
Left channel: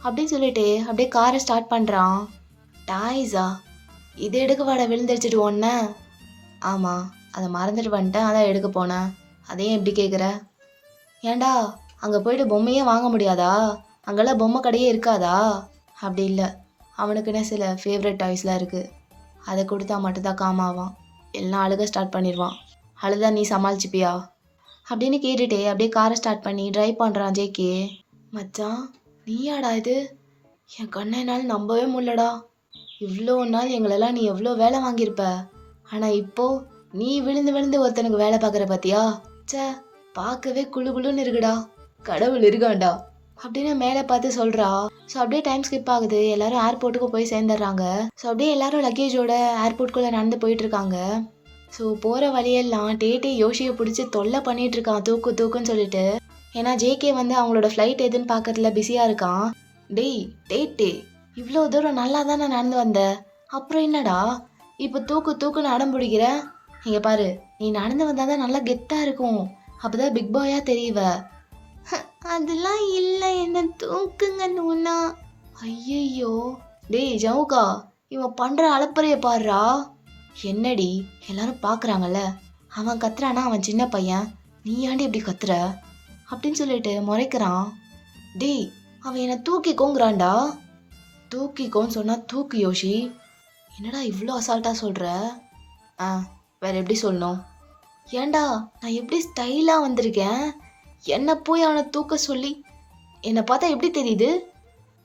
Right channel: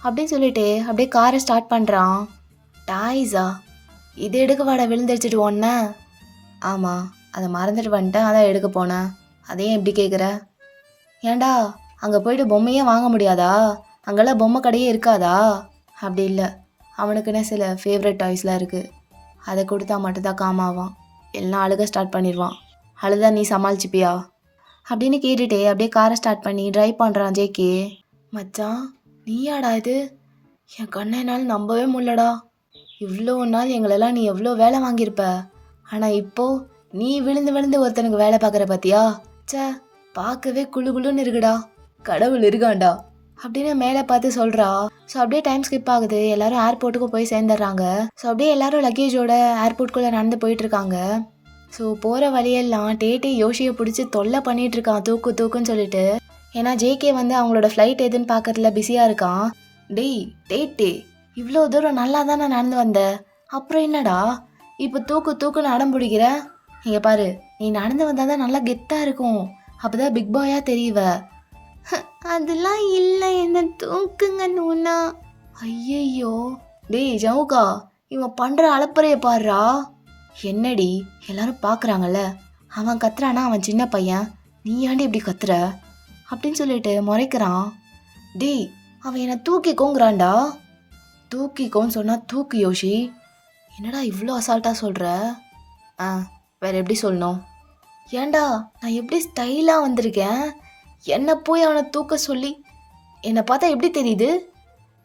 அப்படின்னு சொல்லிட்டு அப்படியே காரை ஸ்டார்ட் பண்ணுறான். டாய்ஸா? இது எடுக்க வாட விழுந்துடிச்சிட்டு ஒன்ன? ஆமாம், அதை மறந்துட்டு வந்துட்டேன், அதான் எடுக்க போனேன். அதையும் எப்படி கேட்குற? ஏண்டா அங்கே போயிட்டு பொம்மையே வாங்க முடியாதா? அங்கெல்லாம் பொம்மை கடையே இருக்காதா? அப்படி இல்லை, அவனுக்குன்னு சில ஃபேவரட் டாய்ஸ்லாம் இருக்குது. அதை கொடுத்தா மட்டும்தான் காமாவான், எல்லாம் அழுக ஸ்டார்ட் பண்ணிடுவான். அழுதா நீ சமாளிச்சுப்பியா அப்படின்னு கேட்டுட்டே அப்படியே காரை ஸ்டார்ட் பண்ணி ட்ரைவ் பண்ணுறான் ஜேகே. மச்சான் நீயாடா இது? என் கண்ணனால் நம்பவே முடியலடா. இவ்வளோ நாள் எங்களெல்லாம் நீ எவ்வளோ வேலை வாங்கியிருப்ப, ஆனால் இப்போது நீ விழுந்து விழுந்து ஒருத்தனுக்கு வேலை பார்க்குற பார்த்தியா? சே, பார்க்கவே குழு குழுன்னு இருக்குடா. கடவுள் இருக்காண்டா அப்படின்னு மேலே பார்த்து சொல்கிறா. ஸோ அப்படியே டைம் ஸ்கிப் ஆகுது. எல்லாரும் ஏர்போர்ட்டுக்கு போய் சேர்ந்துடுறாங்க. ஸோ அப்படியே எல்லாரும் லக்கேஜோட ஏர்போர்ட்டுக்குள்ளே நடந்து போயிட்டுருக்காங்க. ஸோ போகிற வழியெல்லாம் டேட்டே யோஷியை பிடிச்சி தொல்லை பண்ணிகிட்ருக்கான், தூக்கு தூக்குன்னு சொல்லிட்டு. ஏன்னா ஜேகே வந்து அவங்களோட ஃப்ளைட் எதுன்னு பார்க்கறதுல பிஸியாக இருக்கான். டேய் டேட்டே, இவ்வளோ தூரம் நல்லா தானே நடந்து வந்த, அப்புறம் என்னடா இப்போ தூக்கு தூக்குன்னு அடம் பிடிக்கிற? இங்கே பாரு, நீ நடந்து வந்தால் தான் நல்லா கெத்தாக இருக்கும், அப்போ தான் பிக் பாயாக தெரியுவ. அதெல்லாம் இல்லை, என்ன தூக்குங்க நூனா. ஐயையோ, டேய் ஜவுகா, இவன் பண்ணுற அலப்பறையை பாடுறா. என்னடி எல்லாரும் பார்க்குறாங்கல்ல, அவன் கத்துறானா, அவன் சின்ன பையன், நீ ஏன்டி இப்படி கத்துற அப்படின்னு சொல்லிட்டு முறைக்கிறான். டேய் அவன் என்னை தூக்கிக்கோங்கிறான்டா. தூக்கிக்கோன்னு சொன்னால் தூக்கு யோஷி. என்னடா இவ்வளோ அசால்ட்டாக சொல்கிற? வேறு எப்படி சொல்லணும்? ஏண்டா நான் எப்படி ஸ்டைலாக வந்திருக்கேன், என்னை போய் அவனை தூக்க சொல்லி? என்னை பார்த்தா எப்படி தெரியுது?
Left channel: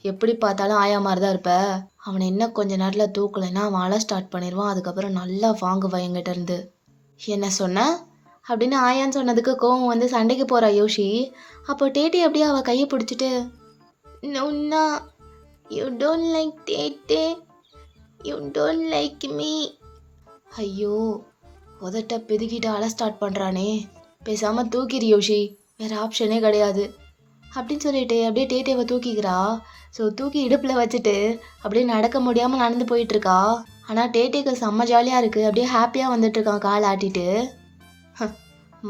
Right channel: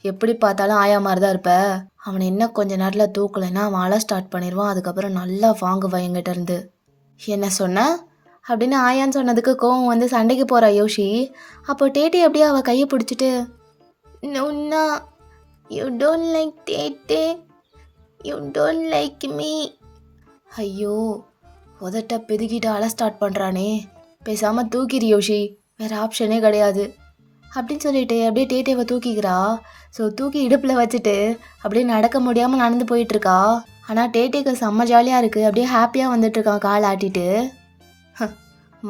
எப்படி பார்த்தாலும் ஆயா மாதிரி தான் இருப்ப. அவனை என்ன கொஞ்ச நேரத்தில் தூக்கலைன்னா அவன் அழ ஸ்டார்ட் பண்ணிடுவான். அதுக்கப்புறம் நல்லா வாங்குவான் என்கிட்ட இருந்து. என்ன சொன்ன அப்படின்னு ஆயான்னு சொன்னதுக்கு கோவம் வந்து சண்டைக்கு போகிறா யோஷி. அப்போ டேட்டே அப்படியே அவள் கையை பிடிச்சிட்டு, நோன்னா you don't like Taetae, you don't like me. ஐயோ, உதட்ட பெதுக்கிட்டு அழ ஸ்டார்ட் பண்ணுறானே, பேசாமல் தூக்கிடு யோஷி வேறு ஆப்ஷனே கிடையாது அப்படின்னு சொல்லிட்டு அப்படியே டேட்டேவை தூக்கிக்கிறா. ஸோ தூக்கி இடுப்பில் வச்சுட்டு அப்படியே நடக்க முடியாமல் நடந்து போயிட்டுருக்கா. ஆனால் டேட்டேக்கு செம்ம ஜாலியாக இருக்குது. அப்படியே ஹாப்பியாக வந்துட்டுருக்கான் கால் ஆட்டிட்டு.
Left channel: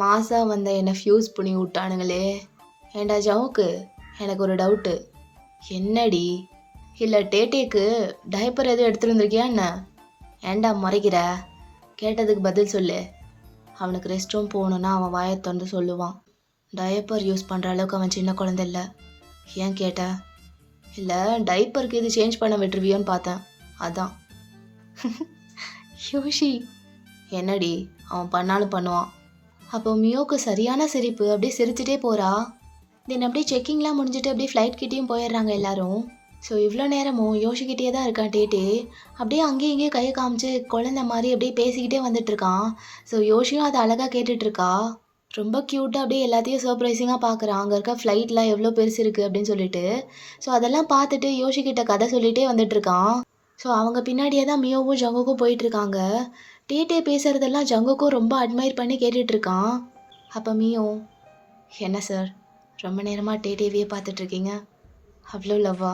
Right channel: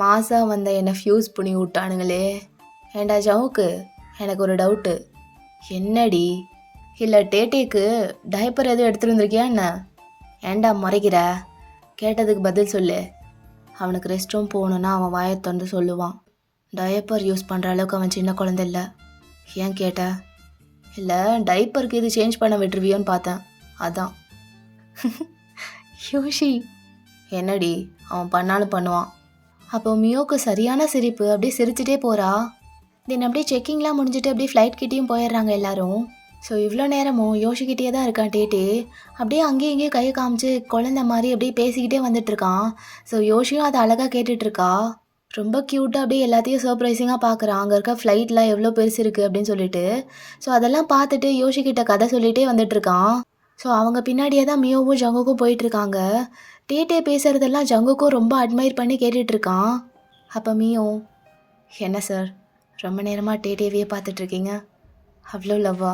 மாசா வந்த என்னை ஃப்யூஸ் பண்ணி விட்டானுங்களே. ஏண்டா ஜவுக்கு, எனக்கு ஒரு டவுட்டு. என்னடி? இல்லை டேட்டேக்கு டைப்பர் எதுவும் எடுத்துகிட்டு வந்திருக்கியா என்ன? ஏண்டா முறைக்கிற? கேட்டதுக்கு பதில் சொல்லு. அவனுக்கு ரெஸ்ட் ரூம் போகணுன்னா அவன் வாயை திறந்து சொல்லுவான். டயப்பர் யூஸ் பண்ணுற அளவுக்கு அவன் சின்ன குழந்தை இல்லை. ஏன் கேட்ட? இல்லை டைப்பருக்கு இது சேஞ்ச் பண்ண விட்டுருவியோன்னு பார்த்தேன், அதான். யோஷி, என்னடி அவன் பண்ணாலும் பண்ணுவான். அப்போ மியோக்கு சரியான சிரிப்பு. அப்படியே சிரிச்சுட்டே போகிறா. தென் அப்படியே செக்கிங்லாம் முடிஞ்சுட்டு அப்படியே ஃப்ளைட் கிட்டேயும் போயிடுறாங்க எல்லாரும். ஸோ இவ்வளோ நேரமும் யோசிக்கிட்டே தான் இருக்கான் டேட்டே. அப்படியே அங்கேயும் இங்கேயும் கையை காமிச்சு குழந்த மாதிரி அப்படியே பேசிக்கிட்டே வந்துட்டுருக்கான். ஸோ யோசியும் அதை அழகாக கேட்டுட்ருக்கா. ரொம்ப க்யூட்டாக அப்படியே எல்லாத்தையும் சர்ப்ரைசிங்காக பார்க்குறான். அங்கே இருக்க ஃப்ளைட்லாம் எவ்வளோ பெருசு இருக்குது அப்படின்னு சொல்லிட்டு. ஸோ அதெல்லாம் பார்த்துட்டு யோசிக்கிட்ட கதை சொல்லிகிட்டே வந்துட்டுருக்கான். ஸோ அவங்க பின்னாடியே தான் மியோவும் ஜங்குக்கும் போயிட்டுருக்காங்க. டேட்டே பேசுகிறதெல்லாம் ஜங்குக்கும் ரொம்ப அட்மையர் பண்ணி கேட்டுட்ருக்கான். அப்போ மியோ, என்ன சார் ரொம்ப நேரமாக டேட்டேவையே பார்த்துட்ருக்கீங்க, அவ்வளோ லவ்வா?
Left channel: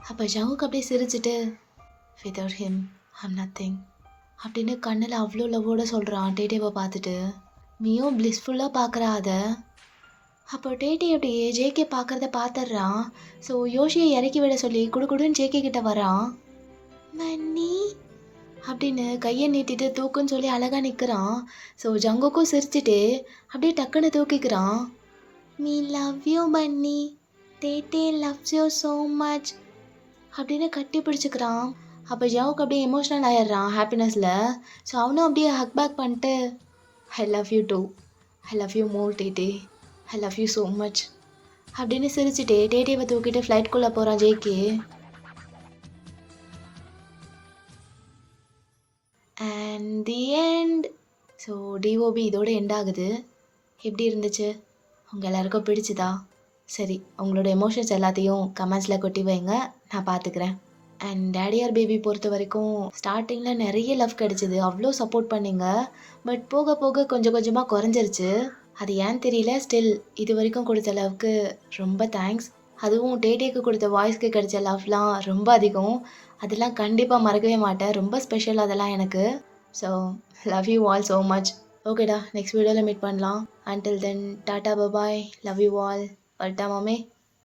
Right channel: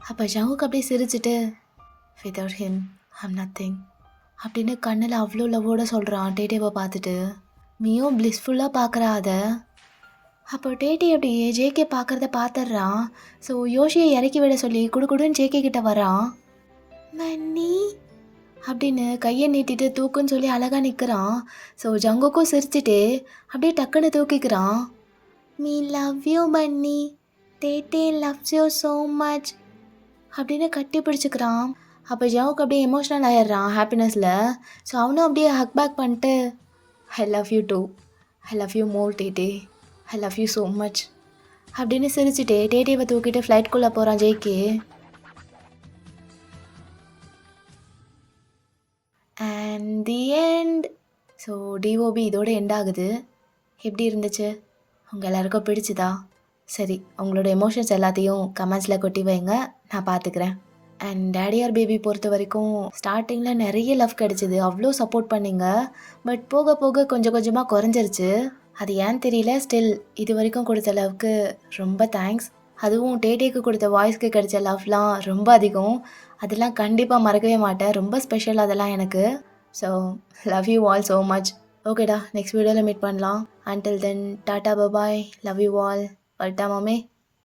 அப்போ ஜங்குக்கு அப்படியே சிரிச்சிட்டு, விதவுட் ஹிம் ஐம் நத்திங் அப்படின்னு கண்ணில் அவ்வளோ லவ்வோடு சொல்கிறான் டேட்டேவை பார்த்துட்டு. மியோ பிளிஸ்ஃபுல்லாக பார்க்குறா அதை. அப்போ டேட்டே அப்படியே ஜேகே பார்க்குறத பார்த்துட்றான். ஸோ யோசியை இறக்கி விட சொல்லி குடுக்குடுன்னு ஜேகே கிட்ட வரான். மன்னி அப்படின்னு கையை நீட்டிட்டு தூக்குன்னு சொல்லி அழகாக நிற்கிறான். ஸோ ஜங்குக்கும் சிரிச்சிட்டு அப்படியே டக்குன்னு தூக்கிக்கிறான். மீ லவ் யூ பன்னி, டேட்டே லவ்ஸ் யூ ஸோ மச் அப்படின்னு கட்டி பிடிச்சிக்கிறான். அப்போ ஜவுக்கு அப்படியே எமோஷ்னல் ஆயிடுறான் ஹாப்பினஸில். ஸோ அவனும் அப்படியே ஹக் பேக் பண்ணிட்டு, I love you too, I love you more Taetae, I love you so much அப்படின்னு சிரிச்சுட்டே டேட்டேவை தூக்கிட்டு ஃப்ளைட்குள்ளே போகிறான் JK. And the end. So டிஓபி இதோட எண்ட் ஆகுது. எப்படி இருந்துச்சு? உங்கள் எல்லாருக்கும் பிடிச்சிதா? சரி, உங்களோட எமோஷன்ஸ் எல்லாத்தையும் கமெண்ட்ஸில் கொட்டி வைங்க, நான் பார்த்துக்கிறேன். அண்ட் டேடி ஆர் பேபி பொறுத்த வரைக்கும் ஸ்டார்டிங்கில் நிறைய லவ் கிடச்சிது, அவ்வளோ சப்போர்ட் பண்ணிங்க. பட் போக போக கொஞ்சம் கொஞ்சமாக குறைஞ்சிருச்சு. அது ஏன் தெரியல. ஸ்டில் இது வரைக்கும் கொடுத்த லவ்க்கு ரொம்ப தேங்க்ஸ். அதுவும் டேட்டேக்கு கொடுத்த வாய்ஸ்க்கு கிடைச்ச லவ்லாம் ரொம்ப அதிகம். அதெல்லாம் கண்டிப்பாக மறக்கவே மாட்டேன். ரொம்ப ஸ்பெஷல் அதெல்லாம் எனக்கு. So love you all so much. ஓகேடா, நெக்ஸ்ட் வீடியோவில் மீட் பண்ணலாம். Until then tata bye bye, love you all. வரட்டா மாமே?